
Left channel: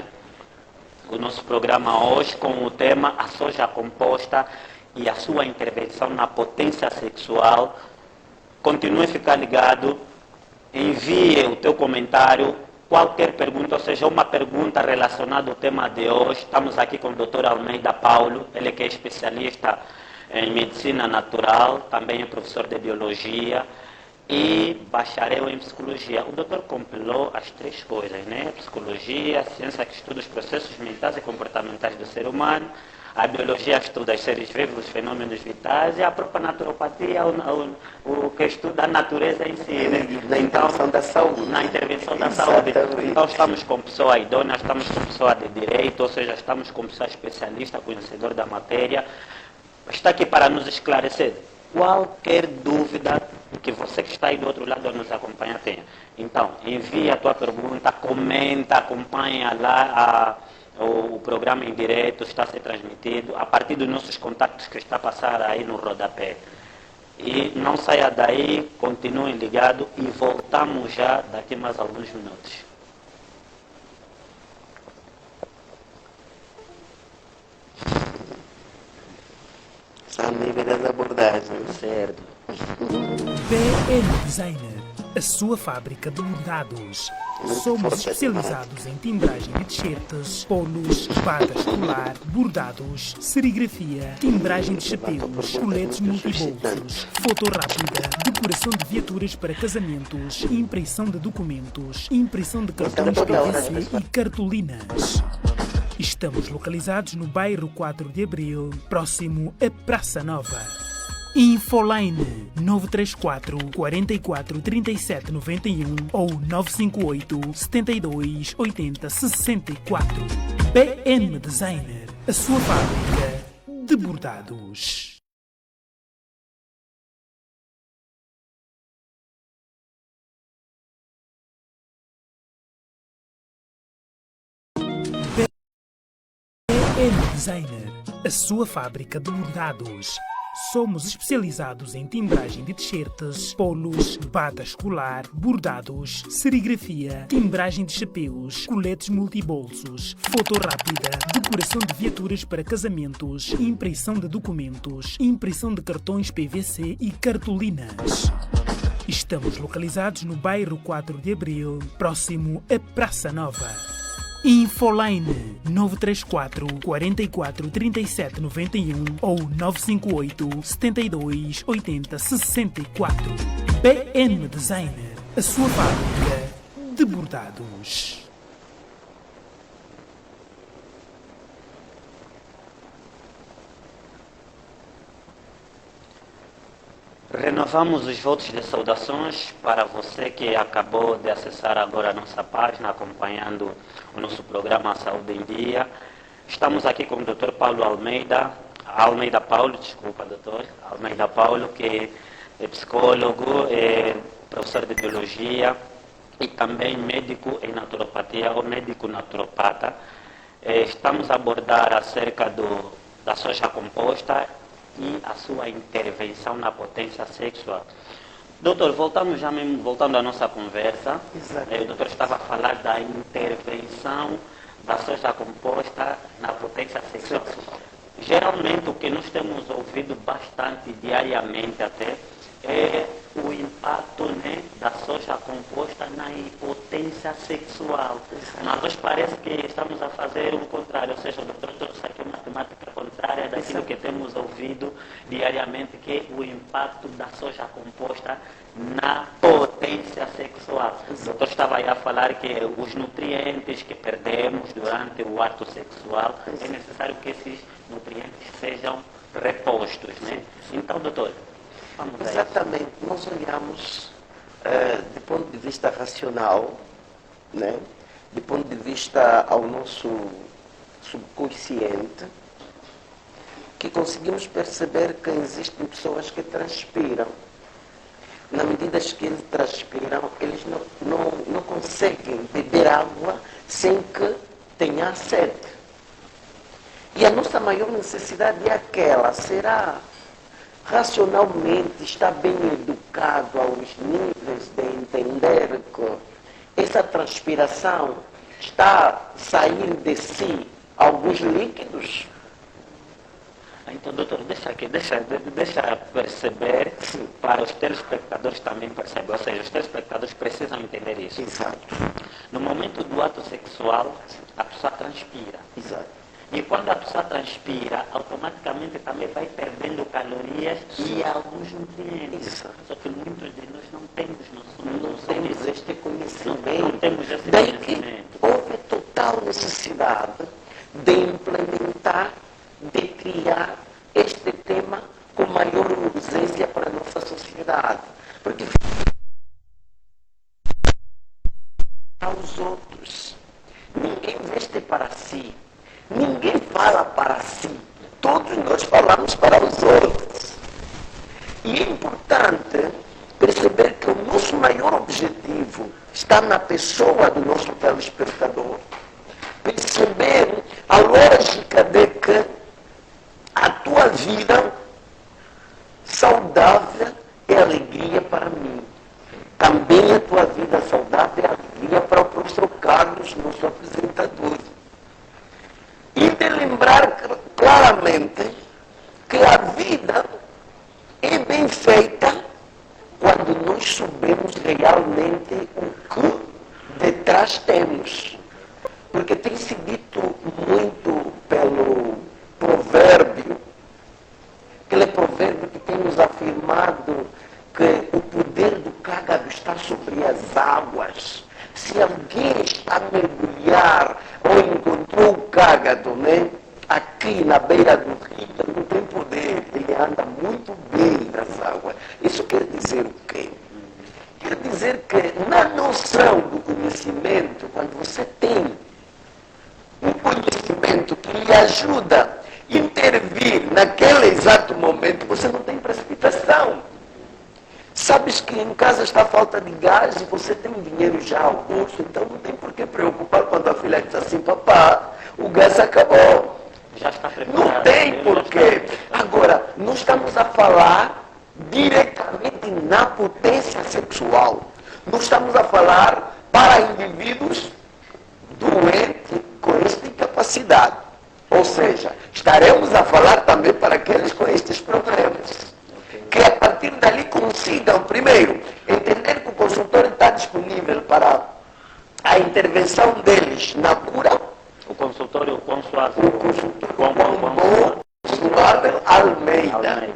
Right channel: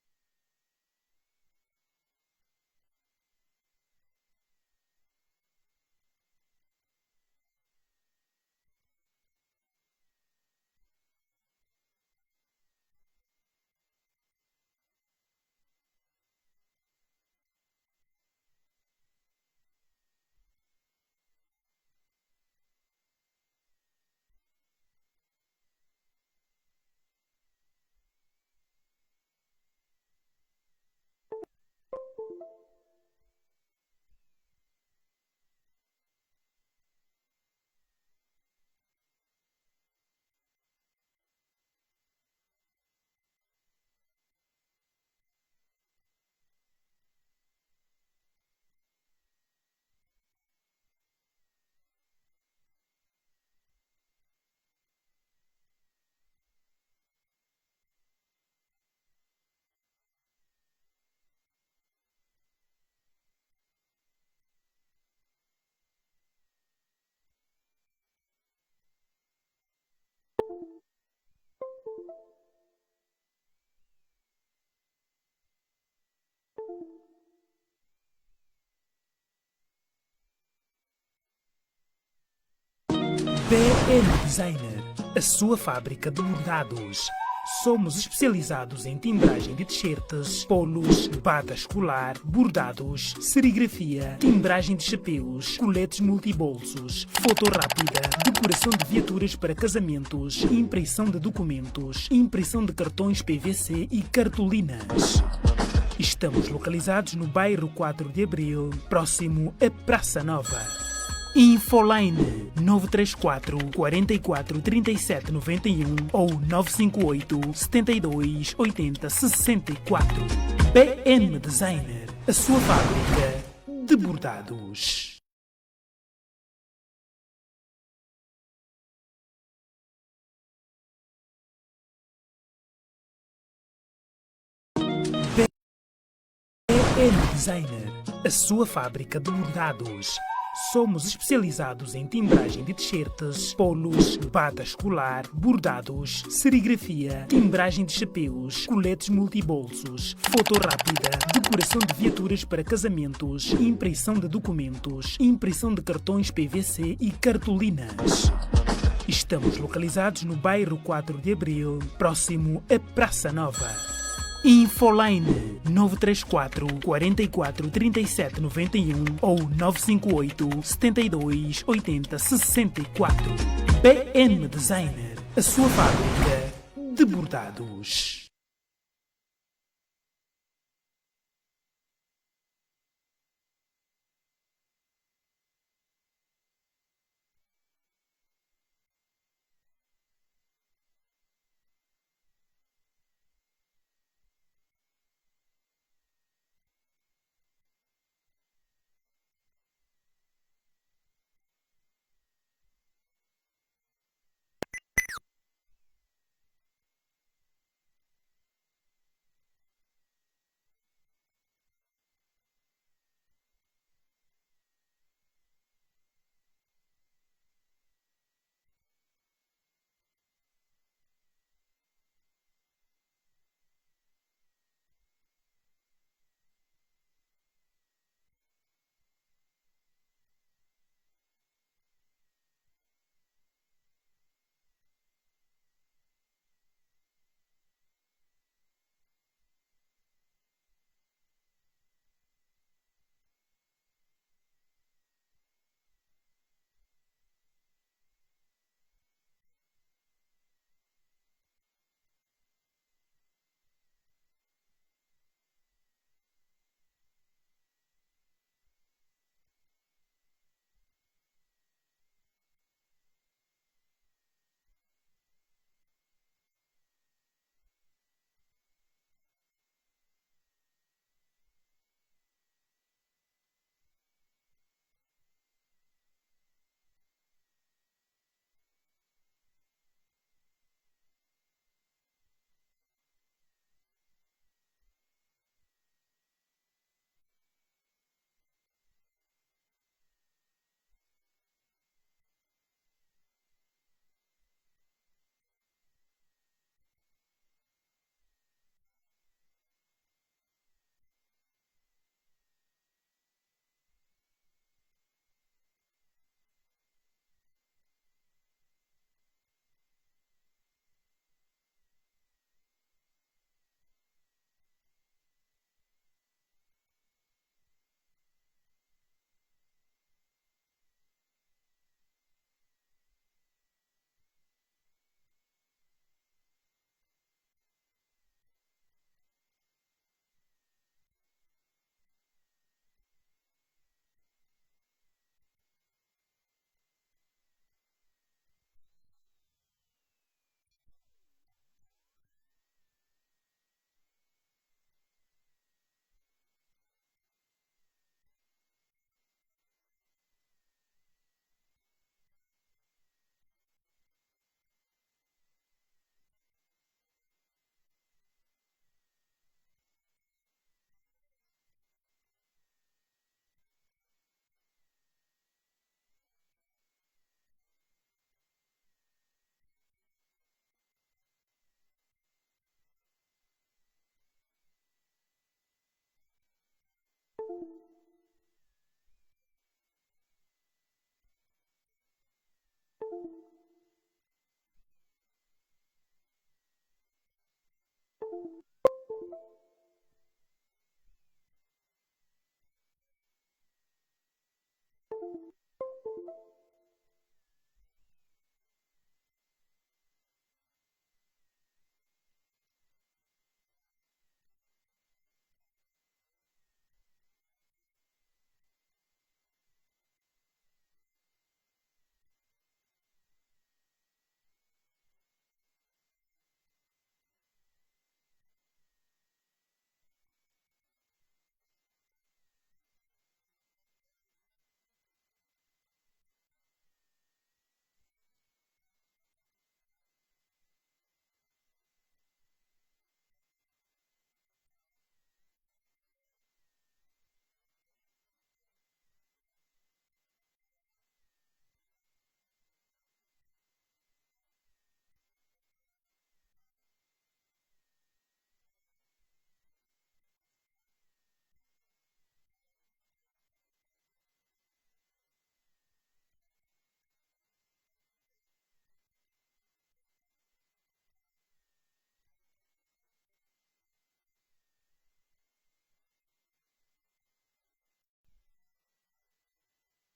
o nosso programa hoje com o tema a soja composta e a sua intervenção na potência sexual, continue a ficar ligado, envie o teu comentário, qualquer pergunta, ou seja, uma pergunta relacionada ao tema de hoje. Estamos aqui com o Dr. Almeida Paulo, ele que é especialista em medicina natural, também é professor de biologia e bacharel em psicologia. O doutor compilou as 3 coisas, né? Psicologia, ciência que estuda os processos mentais e comportamentais do ser humano, a biologia estuda os seres vivos, os fenômenos vitais, e a própria naturopatia, o que estuda a natureza em si, né? Na intervenção da saúde. Na intervenção da saúde. Exatamente. Então estamos com pessoa idônea, estamos com pessoa de direito, ou seja, estamos com pessoa especialista, conhecedor da matéria. Está aqui para nos esclarecer qualquer dúvida que você que está aí do outro lado nos acompanha tenha. Então, envie a tua pergunta, comenta, acompanha lá o programa em direto, está a ser transmitido a partir dos nossos contatos que está a passar aí no rodapé. E não saia daí, continuem ligados e voltamos já daqui mais alguns minutos. São níveis das abordagens. Certo. BM Designer, a sua fábrica de bordados. Somos especializados em timbragem de t-shirts, polos, bata escolar, bordados, serigrafia, timbragem de chapéus, coletes multibolsos, foto rápida, decoração de viaturas para casamentos, impressão de documentos, impressão de cartões PVC e cartolinas. Estamos localizados no bairro 4 de Abril, próximo à Praça Nova. Infoline 934 44 37 91 ou 958 72 80 64. BM Designer, a sua fábrica de bordados. BN Designer, a sua fábrica de bordados. Somos especializados em timbragem de t-shirts, polos, bata escolar, bordados, serigrafia, timbragem de chapéus, coletes multibolsos, foto rápida, decoração de viaturas para casamentos, impressão de documentos, impressão de cartões PVC e cartolinas. Estamos localizados no bairro 4 de Abril, próximo à Praça Nova. Infoline 934 44 37 91 ou 958 72 80 64. BN Designer, a sua fábrica de bordados. Renovamos os votos de saudações para você que acabou de acessar agora a nossa página, acompanhando o nosso programa Saúde em Dia. Estamos aqui com o Dr. Paulo Almeida Paulo, que é psicólogo, é professor de biologia e também médico em naturopatia ou médico naturopata. Estamos a abordar acerca da soja composta e a sua intervenção na potência sexual. Doutor, voltando à nossa conversa, o doutor estava a falar da intervenção da soja composta na potência sexual. Geralmente o que nós temos ouvido bastante diariamente até é o impacto, né, da soja composta na impotência sexual. Mas hoje parece que estamos a fazer o contrário, ou seja, o doutor trouxe aqui uma temática contrária daquilo que temos ouvido diariamente, que é o impacto da soja composta na potência sexual. O doutor estava aí a falar que os nutrientes que perdemos durante o ato sexual, é necessário que esses nutrientes sejam repostos, né? Então, doutor, vamos a exatamente. Nós olhamos do ponto de vista racional, né? Do ponto de vista ao nosso subconsciente, que conseguimos perceber que existem pessoas que transpiram. Na medida que eles transpiram, eles não conseguem beber água sem que tenha sede. E a nossa maior necessidade é aquela, será racionalmente está bem educado aos níveis de entender que essa transpiração está saindo de si alguns líquidos? Então, doutor, deixa perceber, para os telespectadores também perceber, ou seja, os telespectadores precisam entender isso. Exato. No momento do ato sexual, a pessoa transpira. Exato. E quando a pessoa transpira, automaticamente também vai perdendo calorias e alguns nutrientes. Exato. Só que muitos de nós não temos não temos este conhecimento. Não temos esse Daí conhecimento. Que houve total necessidade de implementar, de criar este tema com maior urgência para a nossa sociedade. Porque aos outros, ninguém veste para si, ninguém fala para si, todos nós falamos para os outros. E é importante perceber que o nosso maior objetivo está na pessoa do nosso telespectador. Perceber a lógica de que a tua vida saudável é alegria para mim. Também a tua vida saudável é alegria para o professor Carlos, nosso apresentador. E de lembrar claramente que a vida é bem feita quando nós sabemos realmente o que detrás temos. Porque tem se dito muito pelo provérbio, aquele provérbio que tem nos afirmado que o poder do cágado está sobre as águas. Se alguém está a mergulhar ou encontrou o cágado, né, aqui na beira do rio, não tem poder, ele anda muito bem nas águas. Isso quer dizer o quê? Quer dizer que na noção do conhecimento, quando você tem um conhecimento que lhe ajuda a intervir naquele exato momento, você não tem precipitação. Sabes que em casa está falta de gás e você tem dinheiro já ao bolso, então não tem por que preocupar quando a filha diz assim, papá, o gás acabou. Não tem porquê. Agora, nós estamos a falar diretamente na potência sexual. Nós estamos a falar para indivíduos doentes com esta incapacidade. Ou seja, estaremos a falar também para aqueles com estes problemas. Que a partir dali consigam, primeiro, entender que o consultório está disponível para a intervenção deles na cura. O consultório Consuável. O consultório Consuável Almeida.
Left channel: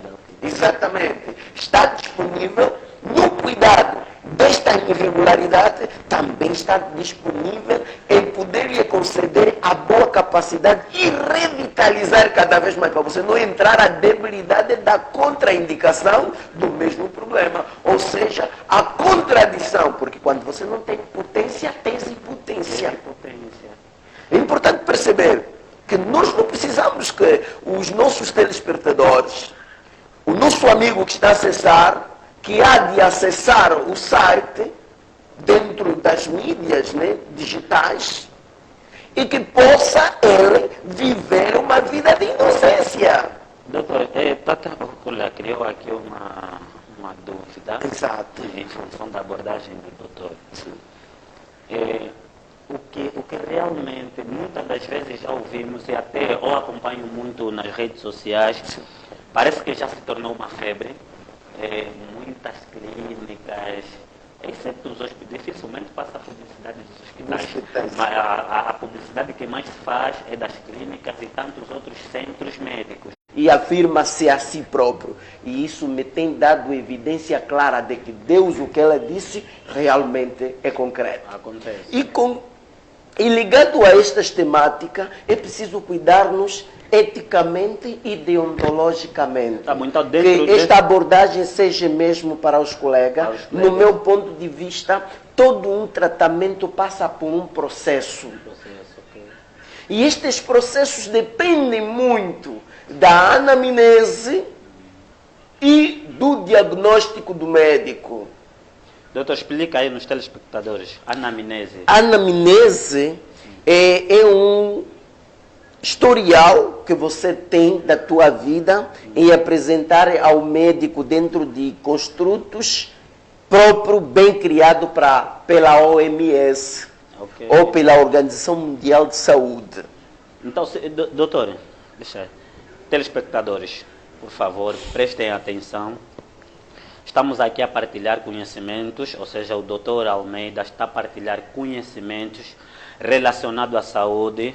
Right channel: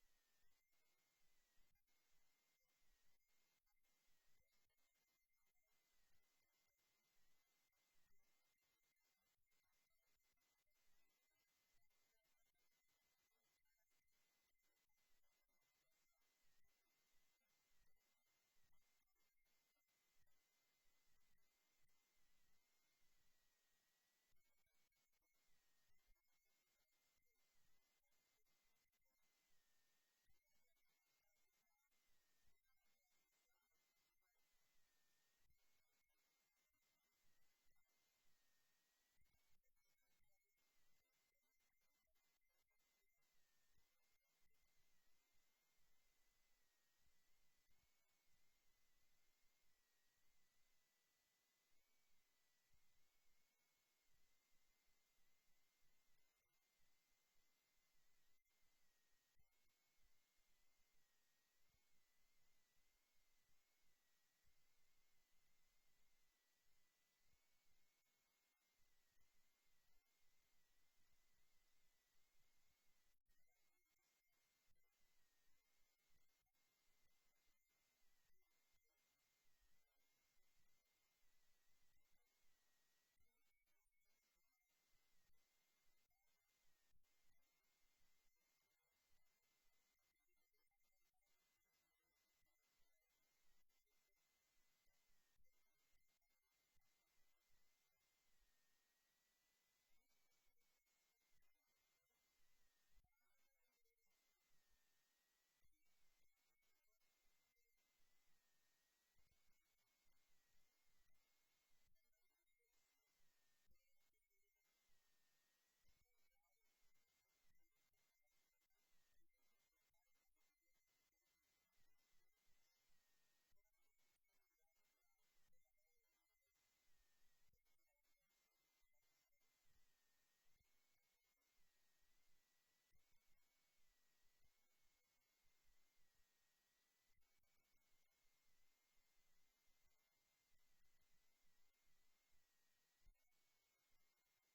Exatamente. Está disponível no cuidado desta irregularidade, também está disponível em poder lhe conceder a boa capacidade e revitalizar cada vez mais, para você não entrar a debilidade da contraindicação do mesmo problema. Ou seja, a contradição, porque quando você não tem potência, tens impotência. É importante perceber que nós não precisamos que os nossos telespectadores, o nosso amigo que está a acessar, que há de acessar o site dentro das mídias, né, digitais, e que possa ele viver uma vida de inocência. Doutor, criou aqui uma dúvida. Exato. Em função da abordagem do doutor. O que realmente, muitas das vezes já ouvimos, e até ou acompanho muito nas redes sociais, parece que já se tornou uma febre. Muitas clínicas, exceto os hospitais, dificilmente passa a publicidade dos hospitais. Mas a publicidade que mais se faz é das clínicas e tantos outros centros médicos. E afirma-se a si próprio. E isso me tem dado evidência clara de que Deus, o que ela disse, realmente é concreto. Acontece. E ligado a estas temáticas, é preciso cuidar-nos eticamente e deontologicamente. Tá bom, então que esta abordagem seja mesmo para os colegas. No meu ponto de vista, todo um tratamento passa por um processo. Okay. E estes processos dependem muito da anamnese e do diagnóstico do médico. Doutor, explica aí nos telespectadores. Anamnese. Anamnese é um historial que você tem da tua vida em apresentar ao médico dentro de construtos próprio, bem criado pela OMS, ou pela Organização Mundial de Saúde. Então, doutor, telespectadores, por favor, prestem atenção. Estamos aqui a partilhar conhecimentos, ou seja, o doutor Almeida está a partilhar conhecimentos relacionados à saúde.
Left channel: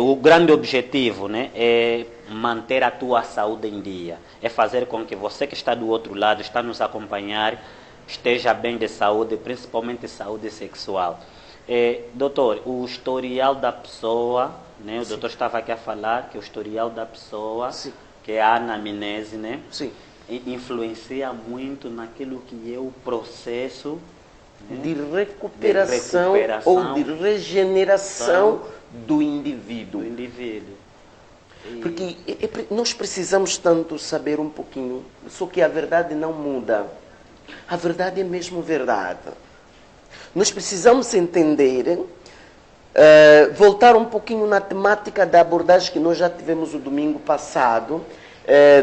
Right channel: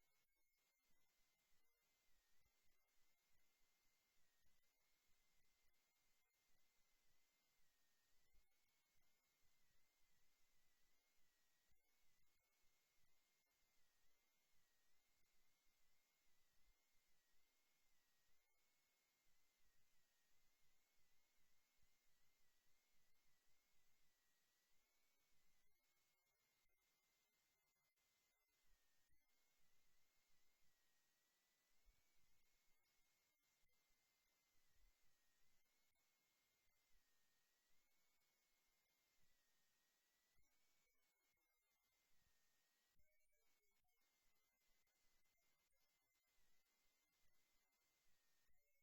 O grande objetivo, né, é manter a tua saúde em dia. É fazer com que você que está do outro lado, está nos acompanhar, esteja bem de saúde, principalmente saúde sexual. Doutor, o historial da pessoa, né, o doutor estava aqui a falar que o historial da pessoa, Sim. que é a anamnese, né, Sim. influencia muito naquilo que é o processo, né, de recuperação ou de regeneração do indivíduo. Porque nós precisamos tanto saber um pouquinho, só que a verdade não muda. A verdade é mesmo verdade. Nós precisamos entender, voltar um pouquinho na temática da abordagem que nós já tivemos o domingo passado,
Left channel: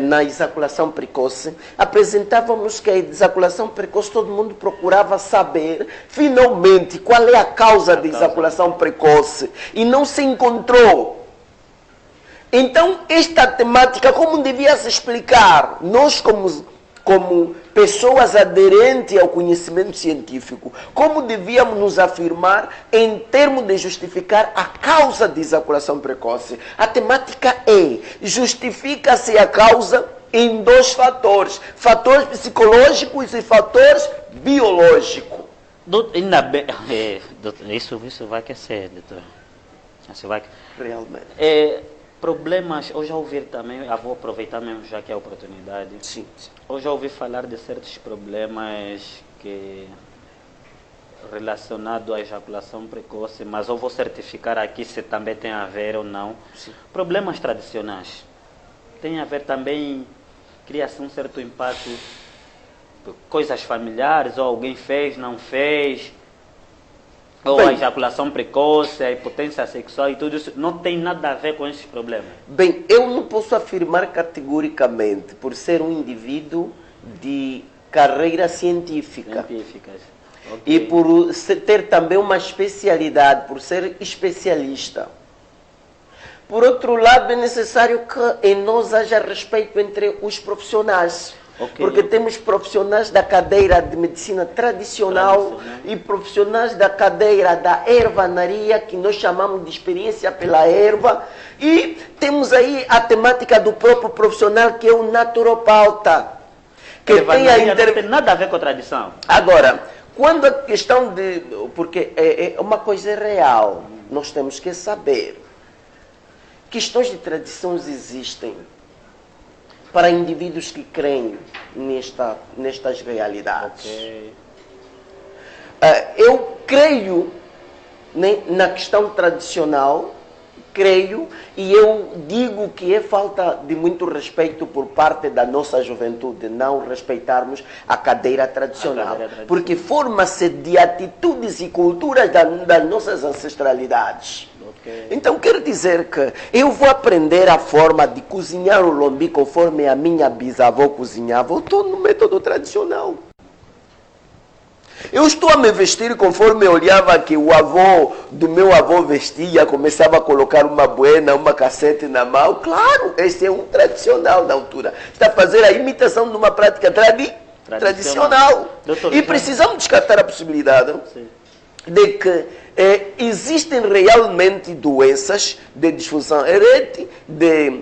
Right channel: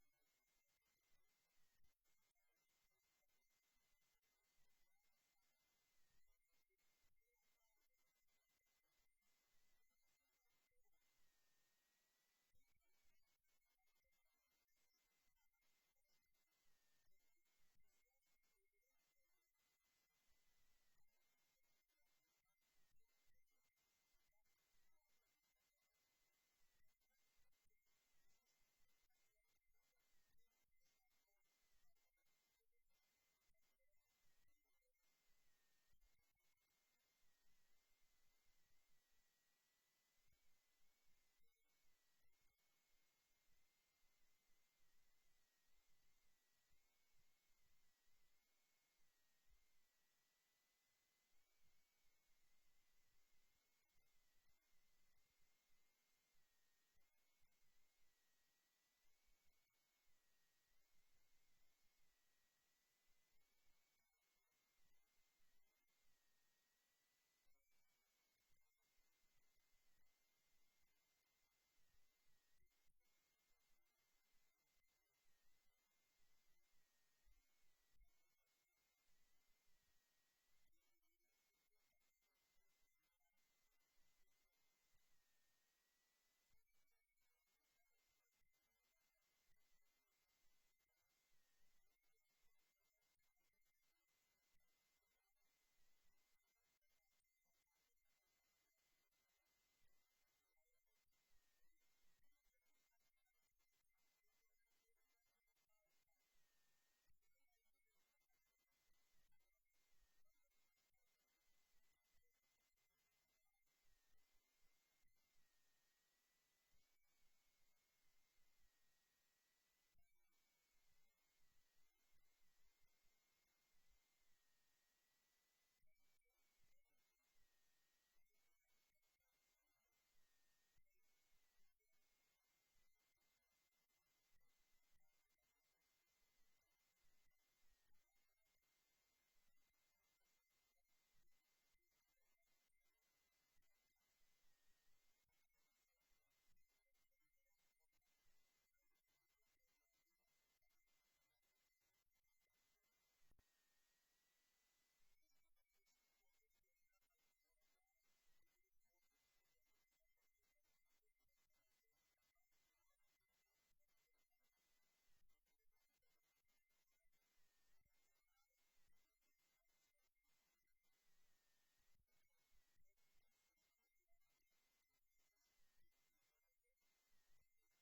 na ejaculação precoce. Apresentávamos que a ejaculação precoce, todo mundo procurava saber, finalmente, qual é a causa da ejaculação precoce. E não se encontrou. Então, esta temática, como devia se explicar? Nós, como pessoas aderentes ao conhecimento científico, como devíamos nos afirmar em termos de justificar a causa de ejaculação precoce? A temática justifica-se a causa em dois fatores: fatores psicológicos e fatores biológicos. Ainda bem, isso vai aquecer, doutor. Isso vai... Realmente. Problemas, eu já ouvi também, eu vou aproveitar mesmo já que é a oportunidade. Sim. Eu já ouvi falar de certos problemas relacionados à ejaculação precoce, mas eu vou certificar aqui se também tem a ver ou não. Sim. Problemas tradicionais. Tem a ver também, cria-se um certo impacto, coisas familiares, ou alguém fez, não fez. Ou Bem, a ejaculação precoce, a impotência sexual e tudo isso não tem nada a ver com esses problemas. bem, eu não posso afirmar categoricamente, por ser um indivíduo de carreira científica. Científicas. E Ok. por ter também uma especialidade, por ser especialista. Por outro lado, é necessário que em nós haja respeito entre os profissionais. Ok. Porque temos profissionais da cadeira de medicina tradicional e profissionais da cadeira da ervanaria, que nós chamamos de experiência pela erva. E temos aí a temática do próprio profissional, que é o naturopauta. Que tem a Não tem nada a ver com a tradição. Agora, quando a questão de... Porque é uma coisa real, nós temos que saber. Questões de tradições existem para indivíduos que creem nestas realidades. Ok. Eu creio, né, na questão tradicional, creio, e eu digo que é falta de muito respeito por parte da nossa juventude não respeitarmos a cadeira tradicional. Porque forma-se de atitudes e culturas das nossas ancestralidades. Ok. Então quer dizer que eu vou aprender a forma de cozinhar o lombi conforme a minha bisavó cozinhava. Eu estou no método tradicional. Eu estou a me vestir conforme eu olhava que o avô do meu avô vestia, começava a colocar uma buena, uma cassete na mão. Claro, esse é um tradicional da altura. Está a fazer a imitação de uma prática tradicional. Doutor, E precisamos descartar a possibilidade de que existem realmente doenças de disfunção erétil, de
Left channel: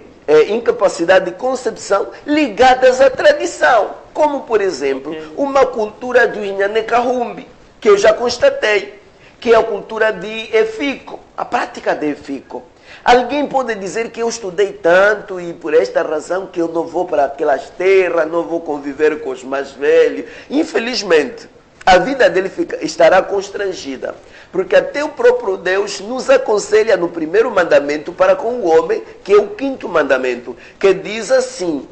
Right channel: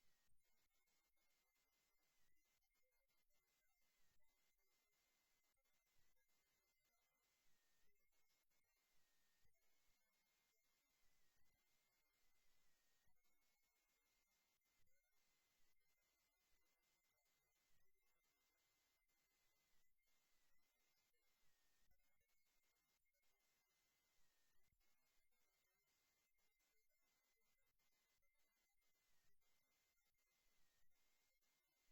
incapacidade de concepção ligadas à tradição. Como, por exemplo, uma cultura do Inhanecarrumbi, que eu já constatei, que é a cultura de Efico, a prática de Efico. Alguém pode dizer que eu estudei tanto e por esta razão que eu não vou para aquelas terras, não vou conviver com os mais velhos. Infelizmente, a vida dele estará constrangida. Porque até o próprio Deus nos aconselha no primeiro mandamento para com o homem, que é o quinto mandamento, que diz assim:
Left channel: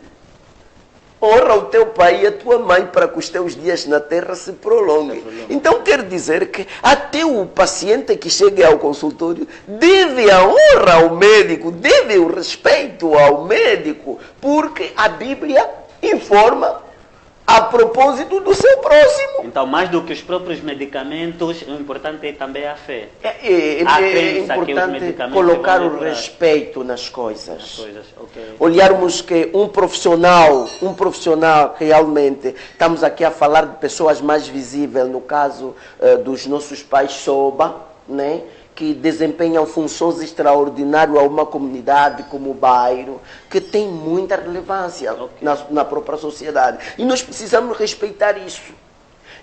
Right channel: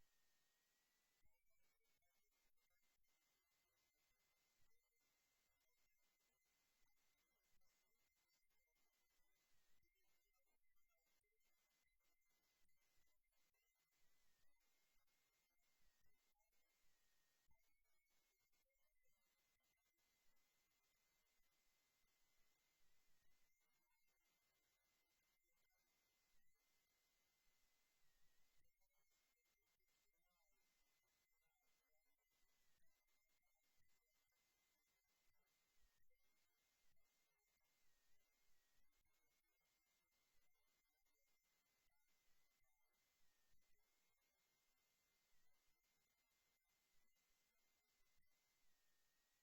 honra o teu pai e a tua mãe para que os teus dias na terra se prolonguem. Então quer dizer que até o paciente que chega ao consultório deve a honra ao médico, deve o respeito ao médico, porque a Bíblia informa a propósito do seu próximo. Então, mais do que os próprios medicamentos, o importante é também a fé. É importante colocar o respeito nas coisas. Okay. Olharmos que um profissional realmente, estamos aqui a falar de pessoas mais visíveis, no caso dos nossos pais Soba, né? Que desempenham funções extraordinárias a uma comunidade como o bairro, que tem muita relevância na própria sociedade. E nós precisamos respeitar isso.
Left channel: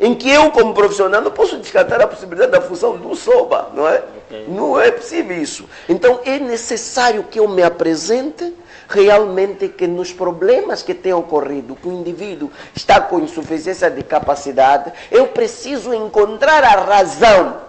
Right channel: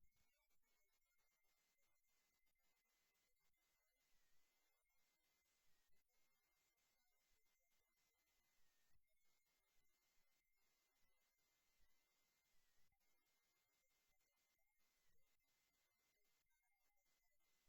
Em que eu, como profissional, não posso descartar a possibilidade da função do Soba, não é? Não é possível isso. Então, é necessário que eu me apresente realmente que nos problemas que têm ocorrido, que o indivíduo está com insuficiência de capacidade, eu preciso encontrar a razão.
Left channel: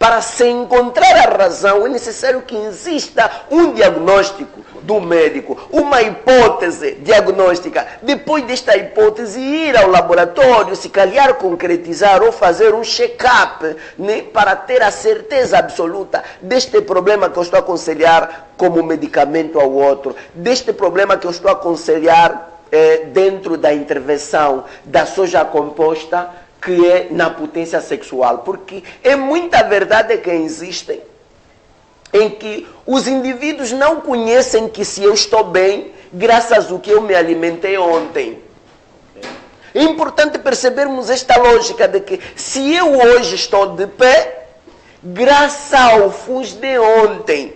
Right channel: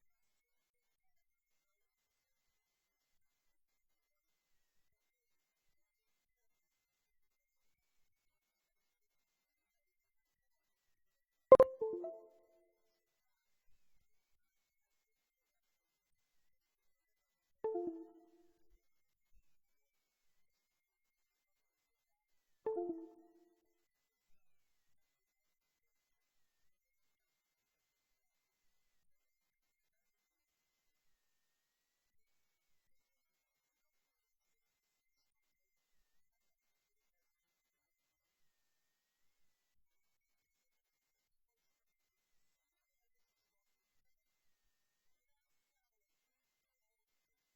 Para se encontrar a razão, é necessário que exista um diagnóstico do médico, uma hipótese diagnóstica. Depois desta hipótese, ir ao laboratório, se calhar concretizar ou fazer um check-up, né, para ter a certeza absoluta deste problema que eu estou a aconselhar como medicamento ao outro, deste problema que eu estou a aconselhar dentro da intervenção da soja composta, que é na potência sexual. Porque é muita verdade que existem em que os indivíduos não conhecem que se eu estou bem, graças ao que eu me alimentei ontem. É importante percebermos esta lógica de que se eu hoje estou de pé, graças ao FUS de ontem.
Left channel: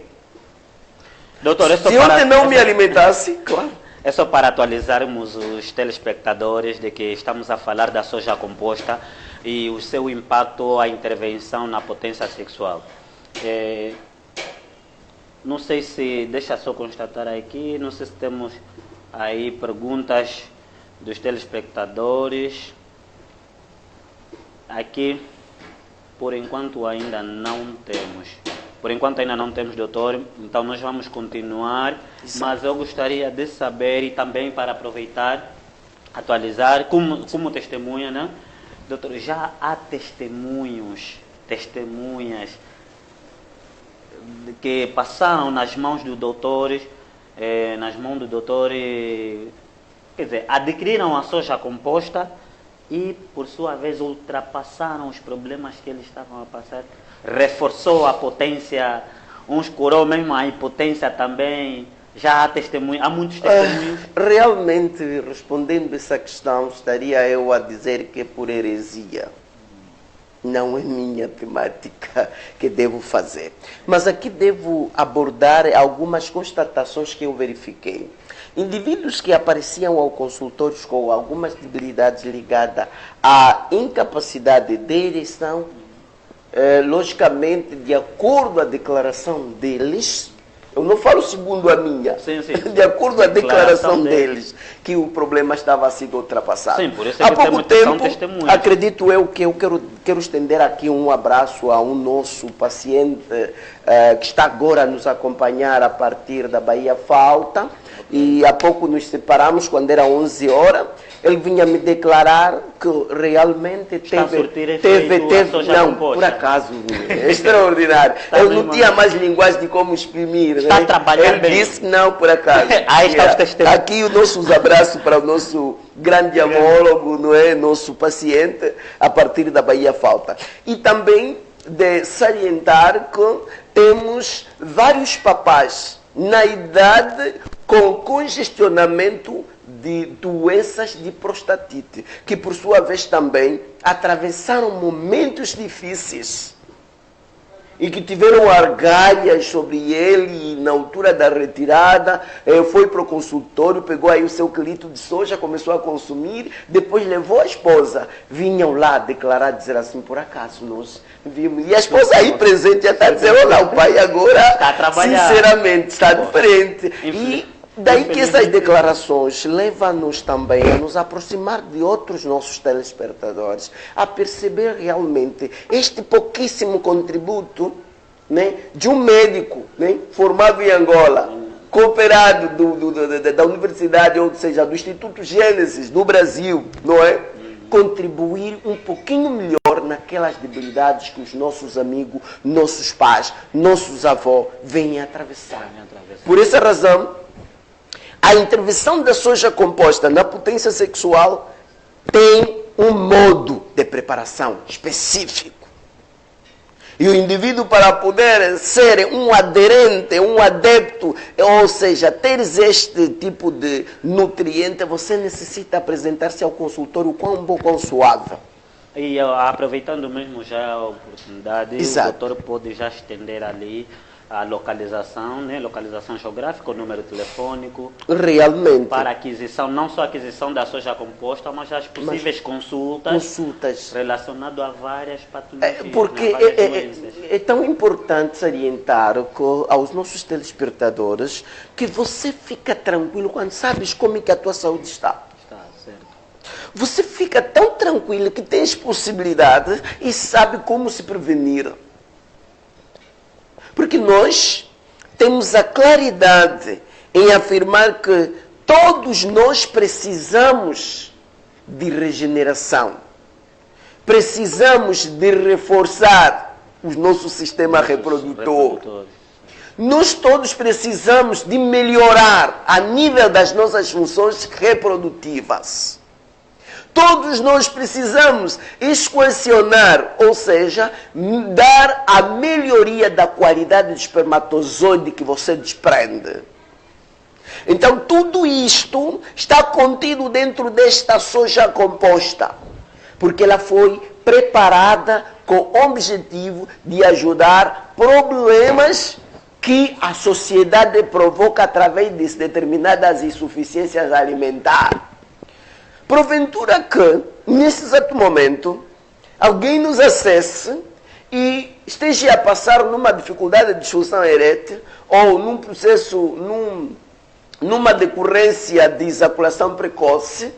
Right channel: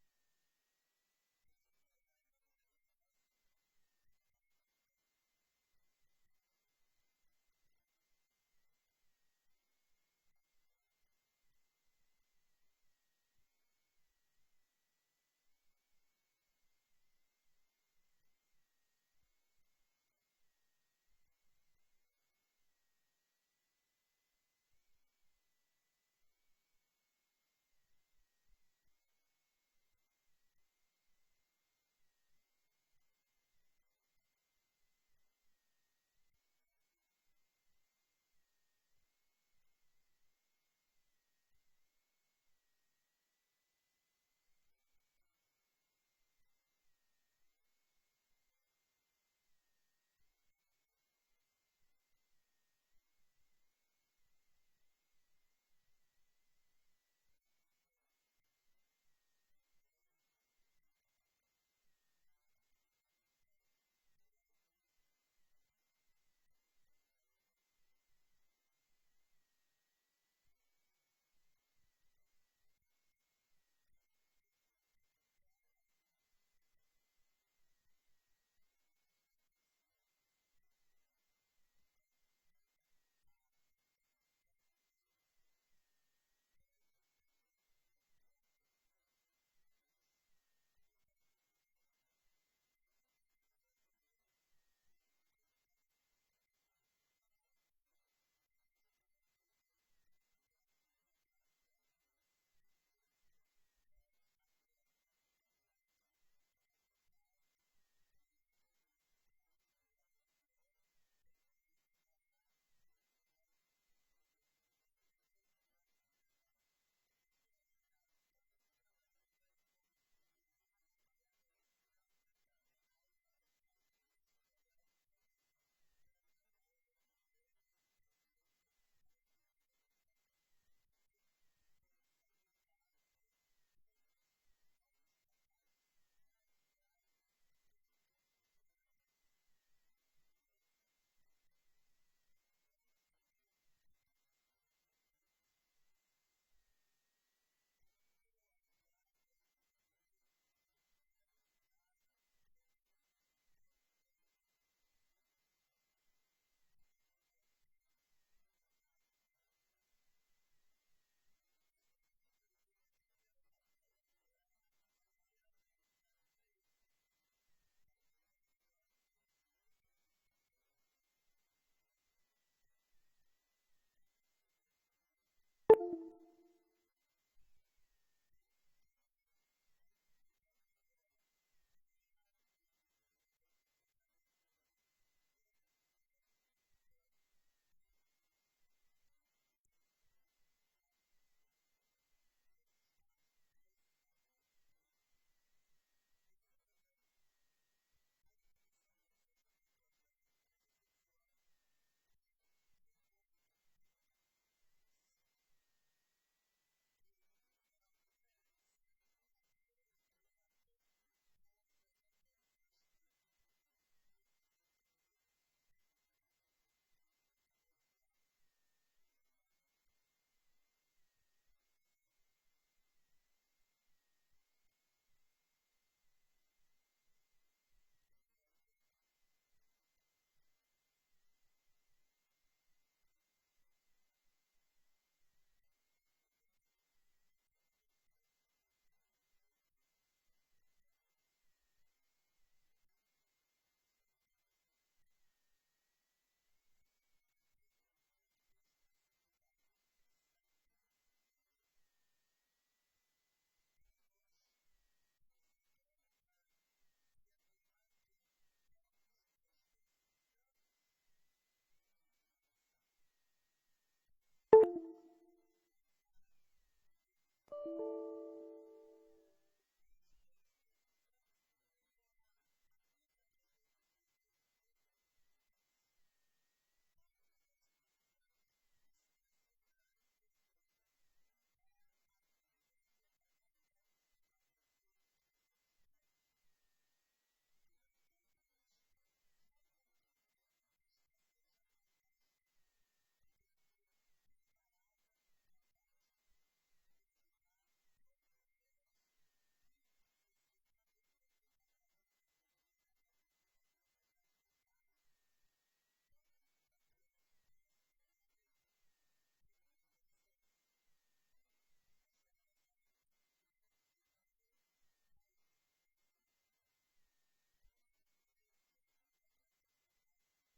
Doutor, se ontem não me alimentasse, claro. É só para atualizarmos os telespectadores de que estamos a falar da soja composta e o seu impacto, a intervenção na potência sexual. Não sei se, deixa só constatar aqui, não sei se temos aí perguntas dos telespectadores. Aqui, por enquanto ainda não temos. Por enquanto ainda não temos, doutor, então nós vamos continuar. Exato. Mas eu gostaria de saber, e também para aproveitar, atualizar, como testemunha, né? Doutor, já há testemunhos testemunhas que passaram nas mãos do doutor, quer dizer, adquiriram a soja composta e, por sua vez, ultrapassaram os problemas que eles estavam a passar, reforçou a potência, uns curou mesmo a impotência também. Já há há muitos testemunhos. Realmente, respondendo essa questão, estaria eu a dizer que é por heresia. Não é minha temática que devo fazer. Mas aqui devo abordar algumas constatações que eu verifiquei. Indivíduos que apareciam ao consultório com algumas debilidades ligadas à incapacidade de ereção, logicamente, de acordo à declaração deles, eu não falo segundo a minha, sim. De acordo à declaração deles, que o problema estava sendo ultrapassado. Sim, por isso Há pouco tempo, acredito eu que eu quero estender aqui um abraço a um nosso paciente que está agora a nos acompanhar a partir da Bahia Falta, e há pouco nos separamos, quando era 11 horas, ele vinha me declarar que realmente teve não, por acaso, é extraordinário. Ele não tinha mais linguagem de como exprimir. Está a trabalhar bem. Ele disse não, por acaso. Aí está os testemunhos. Aqui os nossos abraços para o nosso grande amólogo, não é? Nosso paciente, a partir da Bahia Falta. E também de salientar que temos vários papás na idade com congestionamento de doenças de prostatite, que por sua vez também atravessaram momentos difíceis e que tiveram argalhas sobre ele, e na altura da retirada foi para o consultório, pegou aí o seu quilito de soja, começou a consumir, depois levou a esposa. Vinham lá declarar, dizer assim, por acaso nós vimos. E a esposa aí presente já está dizendo, olha, o pai agora, sinceramente, está diferente. E daí que essas declarações levam-nos também a nos aproximar de outros nossos telespectadores, a perceber realmente este pouquíssimo contributo, né, de um médico, né, formado em Angola, cooperado da universidade, ou seja, do Instituto Gênesis do Brasil, não é? Contribuir um pouquinho melhor naquelas debilidades que os nossos amigos, nossos pais, nossos avós vêm atravessar. Por essa razão, a intervenção da soja composta na potência sexual tem um modo de preparação específico. E o indivíduo, para poder ser um aderente, um adepto, ou seja, ter este tipo de nutriente, você necessita apresentar-se ao consultório quão bom, quão suave. E aproveitando mesmo já a oportunidade, exato, o doutor pode já estender ali a localização, né? Localização geográfica, o número telefônico. Realmente. Para aquisição, não só a aquisição da soja composta, mas as possíveis consultas relacionadas a várias patologias. Porque é tão importante salientar aos nossos telespectadores que você fica tranquilo quando sabes como é que a tua saúde está. Está certo. Você fica tão tranquilo que tens possibilidade e sabe como se prevenir. Porque nós temos a claridade em afirmar que todos nós precisamos de regeneração. Precisamos de reforçar o nosso sistema reprodutor. Nós todos precisamos de melhorar a nível das nossas funções reprodutivas. Todos nós precisamos equacionar, ou seja, dar a melhoria da qualidade do espermatozoide que você desprende. Então, tudo isto está contido dentro desta soja composta, porque ela foi preparada com o objetivo de ajudar problemas que a sociedade provoca através de determinadas insuficiências alimentares. Porventura que, nesse exato momento, alguém nos acesse e esteja a passar numa dificuldade de disfunção erétil ou num processo, numa decorrência de ejaculação precoce,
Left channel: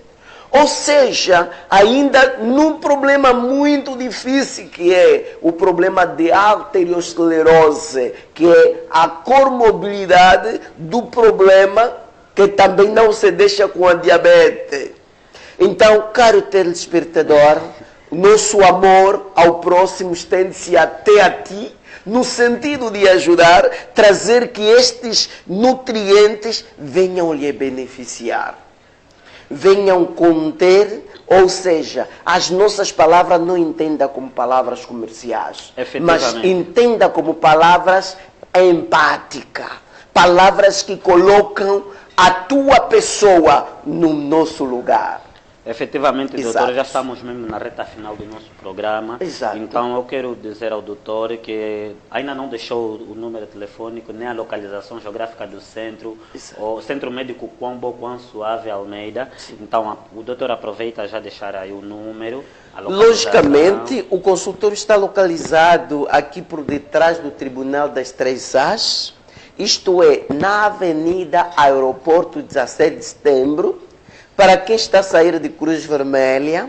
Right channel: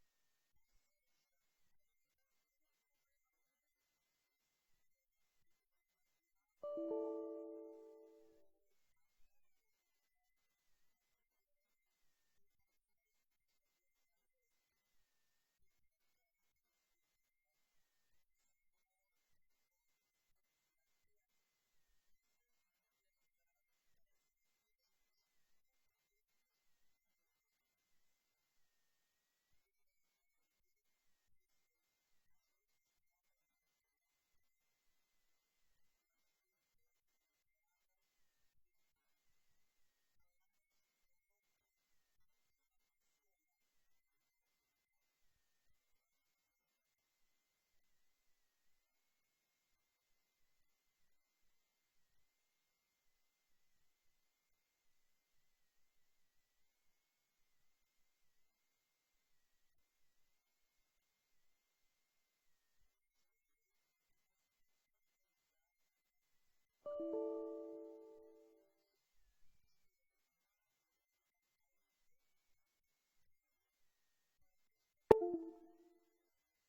ou seja, ainda num problema muito difícil, que é o problema de arteriosclerose, que é a comorbilidade do problema que também não se deixa com a diabetes. Então, caro telespectador, Nosso amor ao próximo estende-se até a ti, no sentido de ajudar, trazer que estes nutrientes venham lhe beneficiar, venham conter, ou seja, as nossas palavras não entenda como palavras comerciais, mas entenda como palavras empáticas, palavras que colocam a tua pessoa no nosso lugar. Efetivamente, Exato. doutor, já estamos mesmo na reta final do nosso programa. Exato. Então, eu quero dizer ao doutor que ainda não deixou o número telefônico, nem a localização geográfica do centro, Exato. o Centro Médico Quão Suave Almeida. Sim. Então, o doutor aproveita já deixar aí o número, a localização. Logicamente, o consultório está localizado aqui por detrás do Tribunal das Três As, isto é, na Avenida Aeroporto 17 de Setembro. Para quem está a sair de Cruz Vermelha,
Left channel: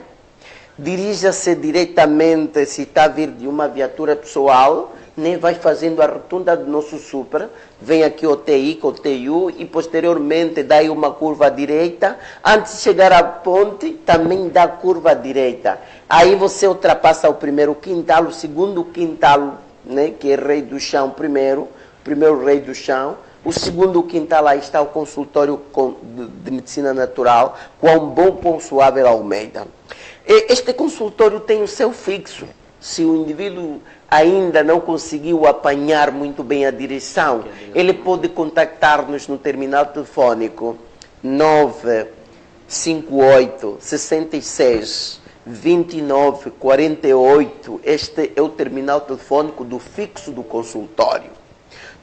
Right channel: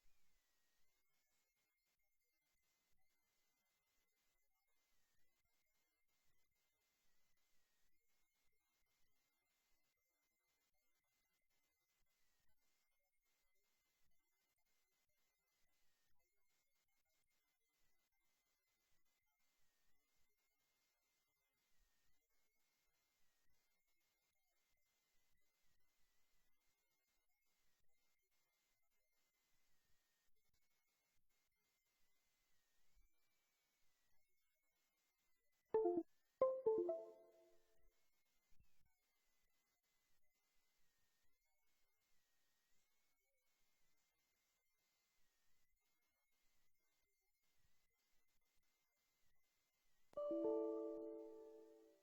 dirija-se diretamente, se está a vir de uma viatura pessoal, nem vai fazendo a rotunda do nosso super, vem aqui o TI, com o TU, e posteriormente dá aí uma curva à direita. Antes de chegar à ponte, também dá curva à direita. Aí você ultrapassa o primeiro quintal, o segundo quintal, né, que é Rei do Chão primeiro Rei do Chão. O segundo quintal, lá está o consultório de medicina natural, Quão Bom Quão Suave Almeida. Este consultório tem o seu fixo. Se o indivíduo ainda não conseguiu apanhar muito bem a direção, ele pode contactar-nos no terminal telefônico 958 66 29 48. Este é o terminal telefônico do fixo do consultório.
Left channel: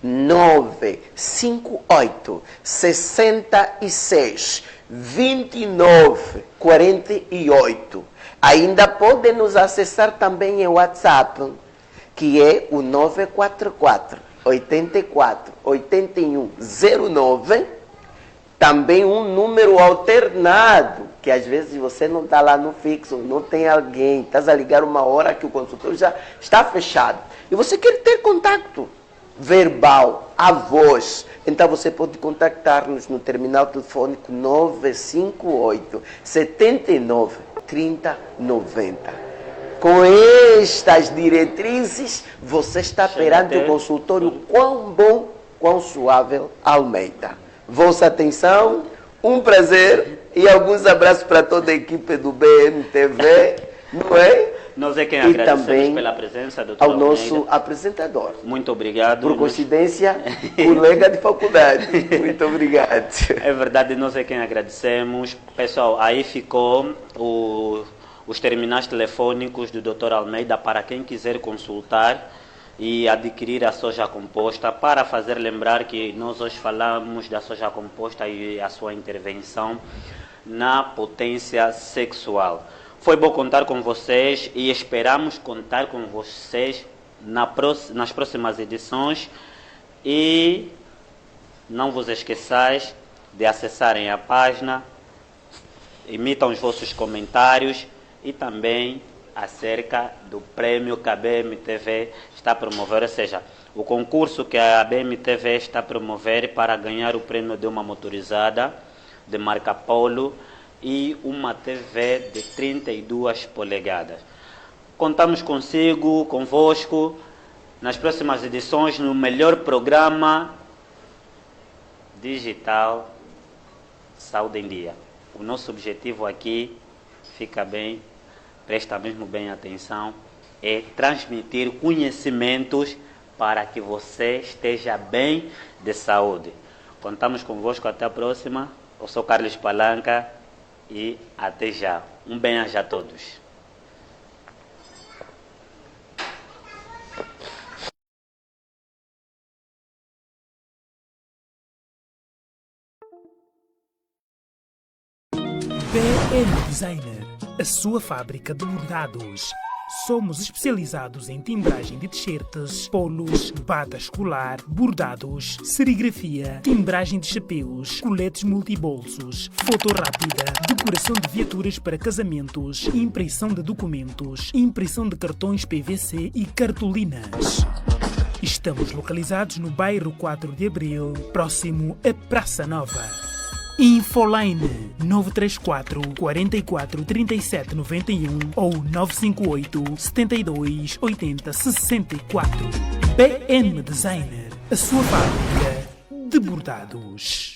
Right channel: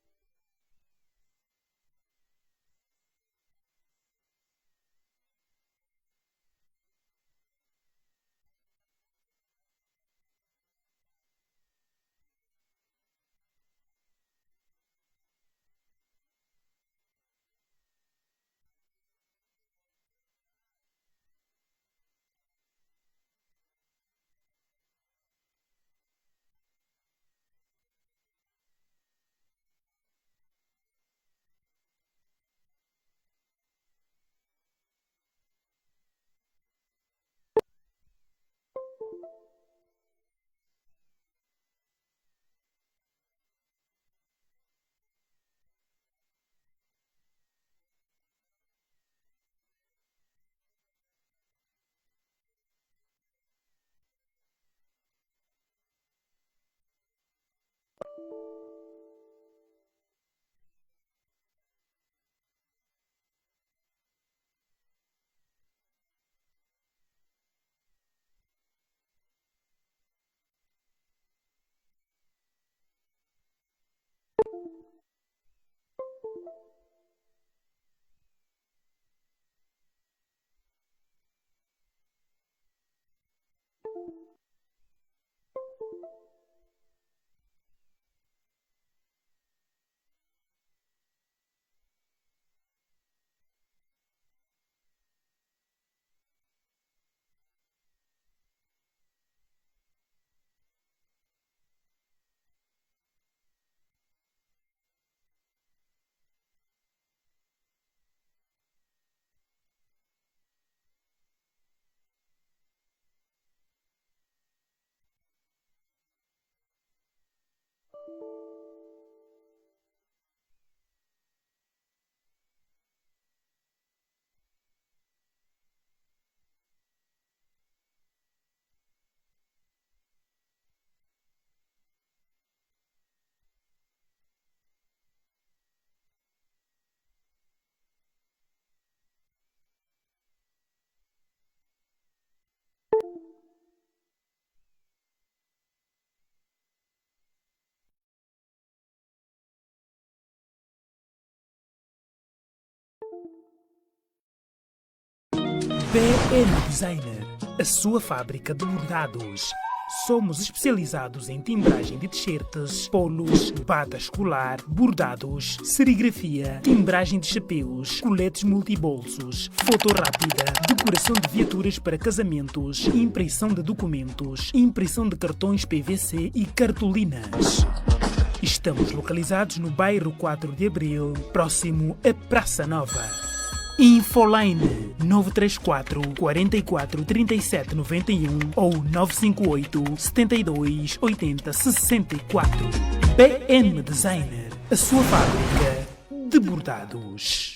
958 66 29 48. Ainda pode nos acessar também em WhatsApp, que é o 944 84 81 09. Também um número alternado, que às vezes você não está lá no fixo, não tem alguém, estás a ligar uma hora que o consultório já está fechado. E você quer ter contato verbal, a voz, então você pode contactar-nos no terminal telefônico 958 79 30 90. Com estas diretrizes, você está perante o consultório Quão Bom Quão Suave Almeida. Vossa atenção, um prazer e alguns abraços para toda a equipe do BMTV, não é? Nós é quem agradecemos pela presença, doutor ao nosso apresentador. Muito obrigado. Por coincidência, colega de faculdade. Muito obrigado. É verdade, nós é quem agradecemos. Pessoal, aí ficou os terminais telefônicos do Dr. Almeida para quem quiser consultar e adquirir a soja composta. Para fazer lembrar que nós hoje falamos da soja composta e a sua intervenção na potência sexual. Foi bom contar com vocês e esperamos contar com vocês nas próximas edições. E não vos esqueçais de acessarem a página, emitam os vossos comentários e também acerca do prêmio que a BMTV está a promover, ou seja, o concurso que a BMTV está a promover para ganhar o prêmio de uma motorizada de marca Polo e uma TV de 32 polegadas. Contamos convosco, nas próximas edições, no melhor programa digital Saúde em Dia. O nosso objetivo aqui, fica bem, presta mesmo bem atenção, é transmitir conhecimentos para que você esteja bem de saúde. Contamos convosco, até a próxima. Eu sou Carlos Palanca. E até já. Um bem-aja a todos. BM Designer, a sua fábrica de bordados. Somos especializados em timbragem de t-shirts, polos, bata escolar, bordados, serigrafia, timbragem de chapéus, coletes multibolsos, foto rápida, decoração de viaturas para casamentos, impressão de documentos, impressão de cartões PVC e cartolinas. Estamos localizados no bairro 4 de Abril, próximo à Praça Nova. Infoline 934 44 37 91 ou 958 72 80 64. BM Designer, a sua fábrica de bordados.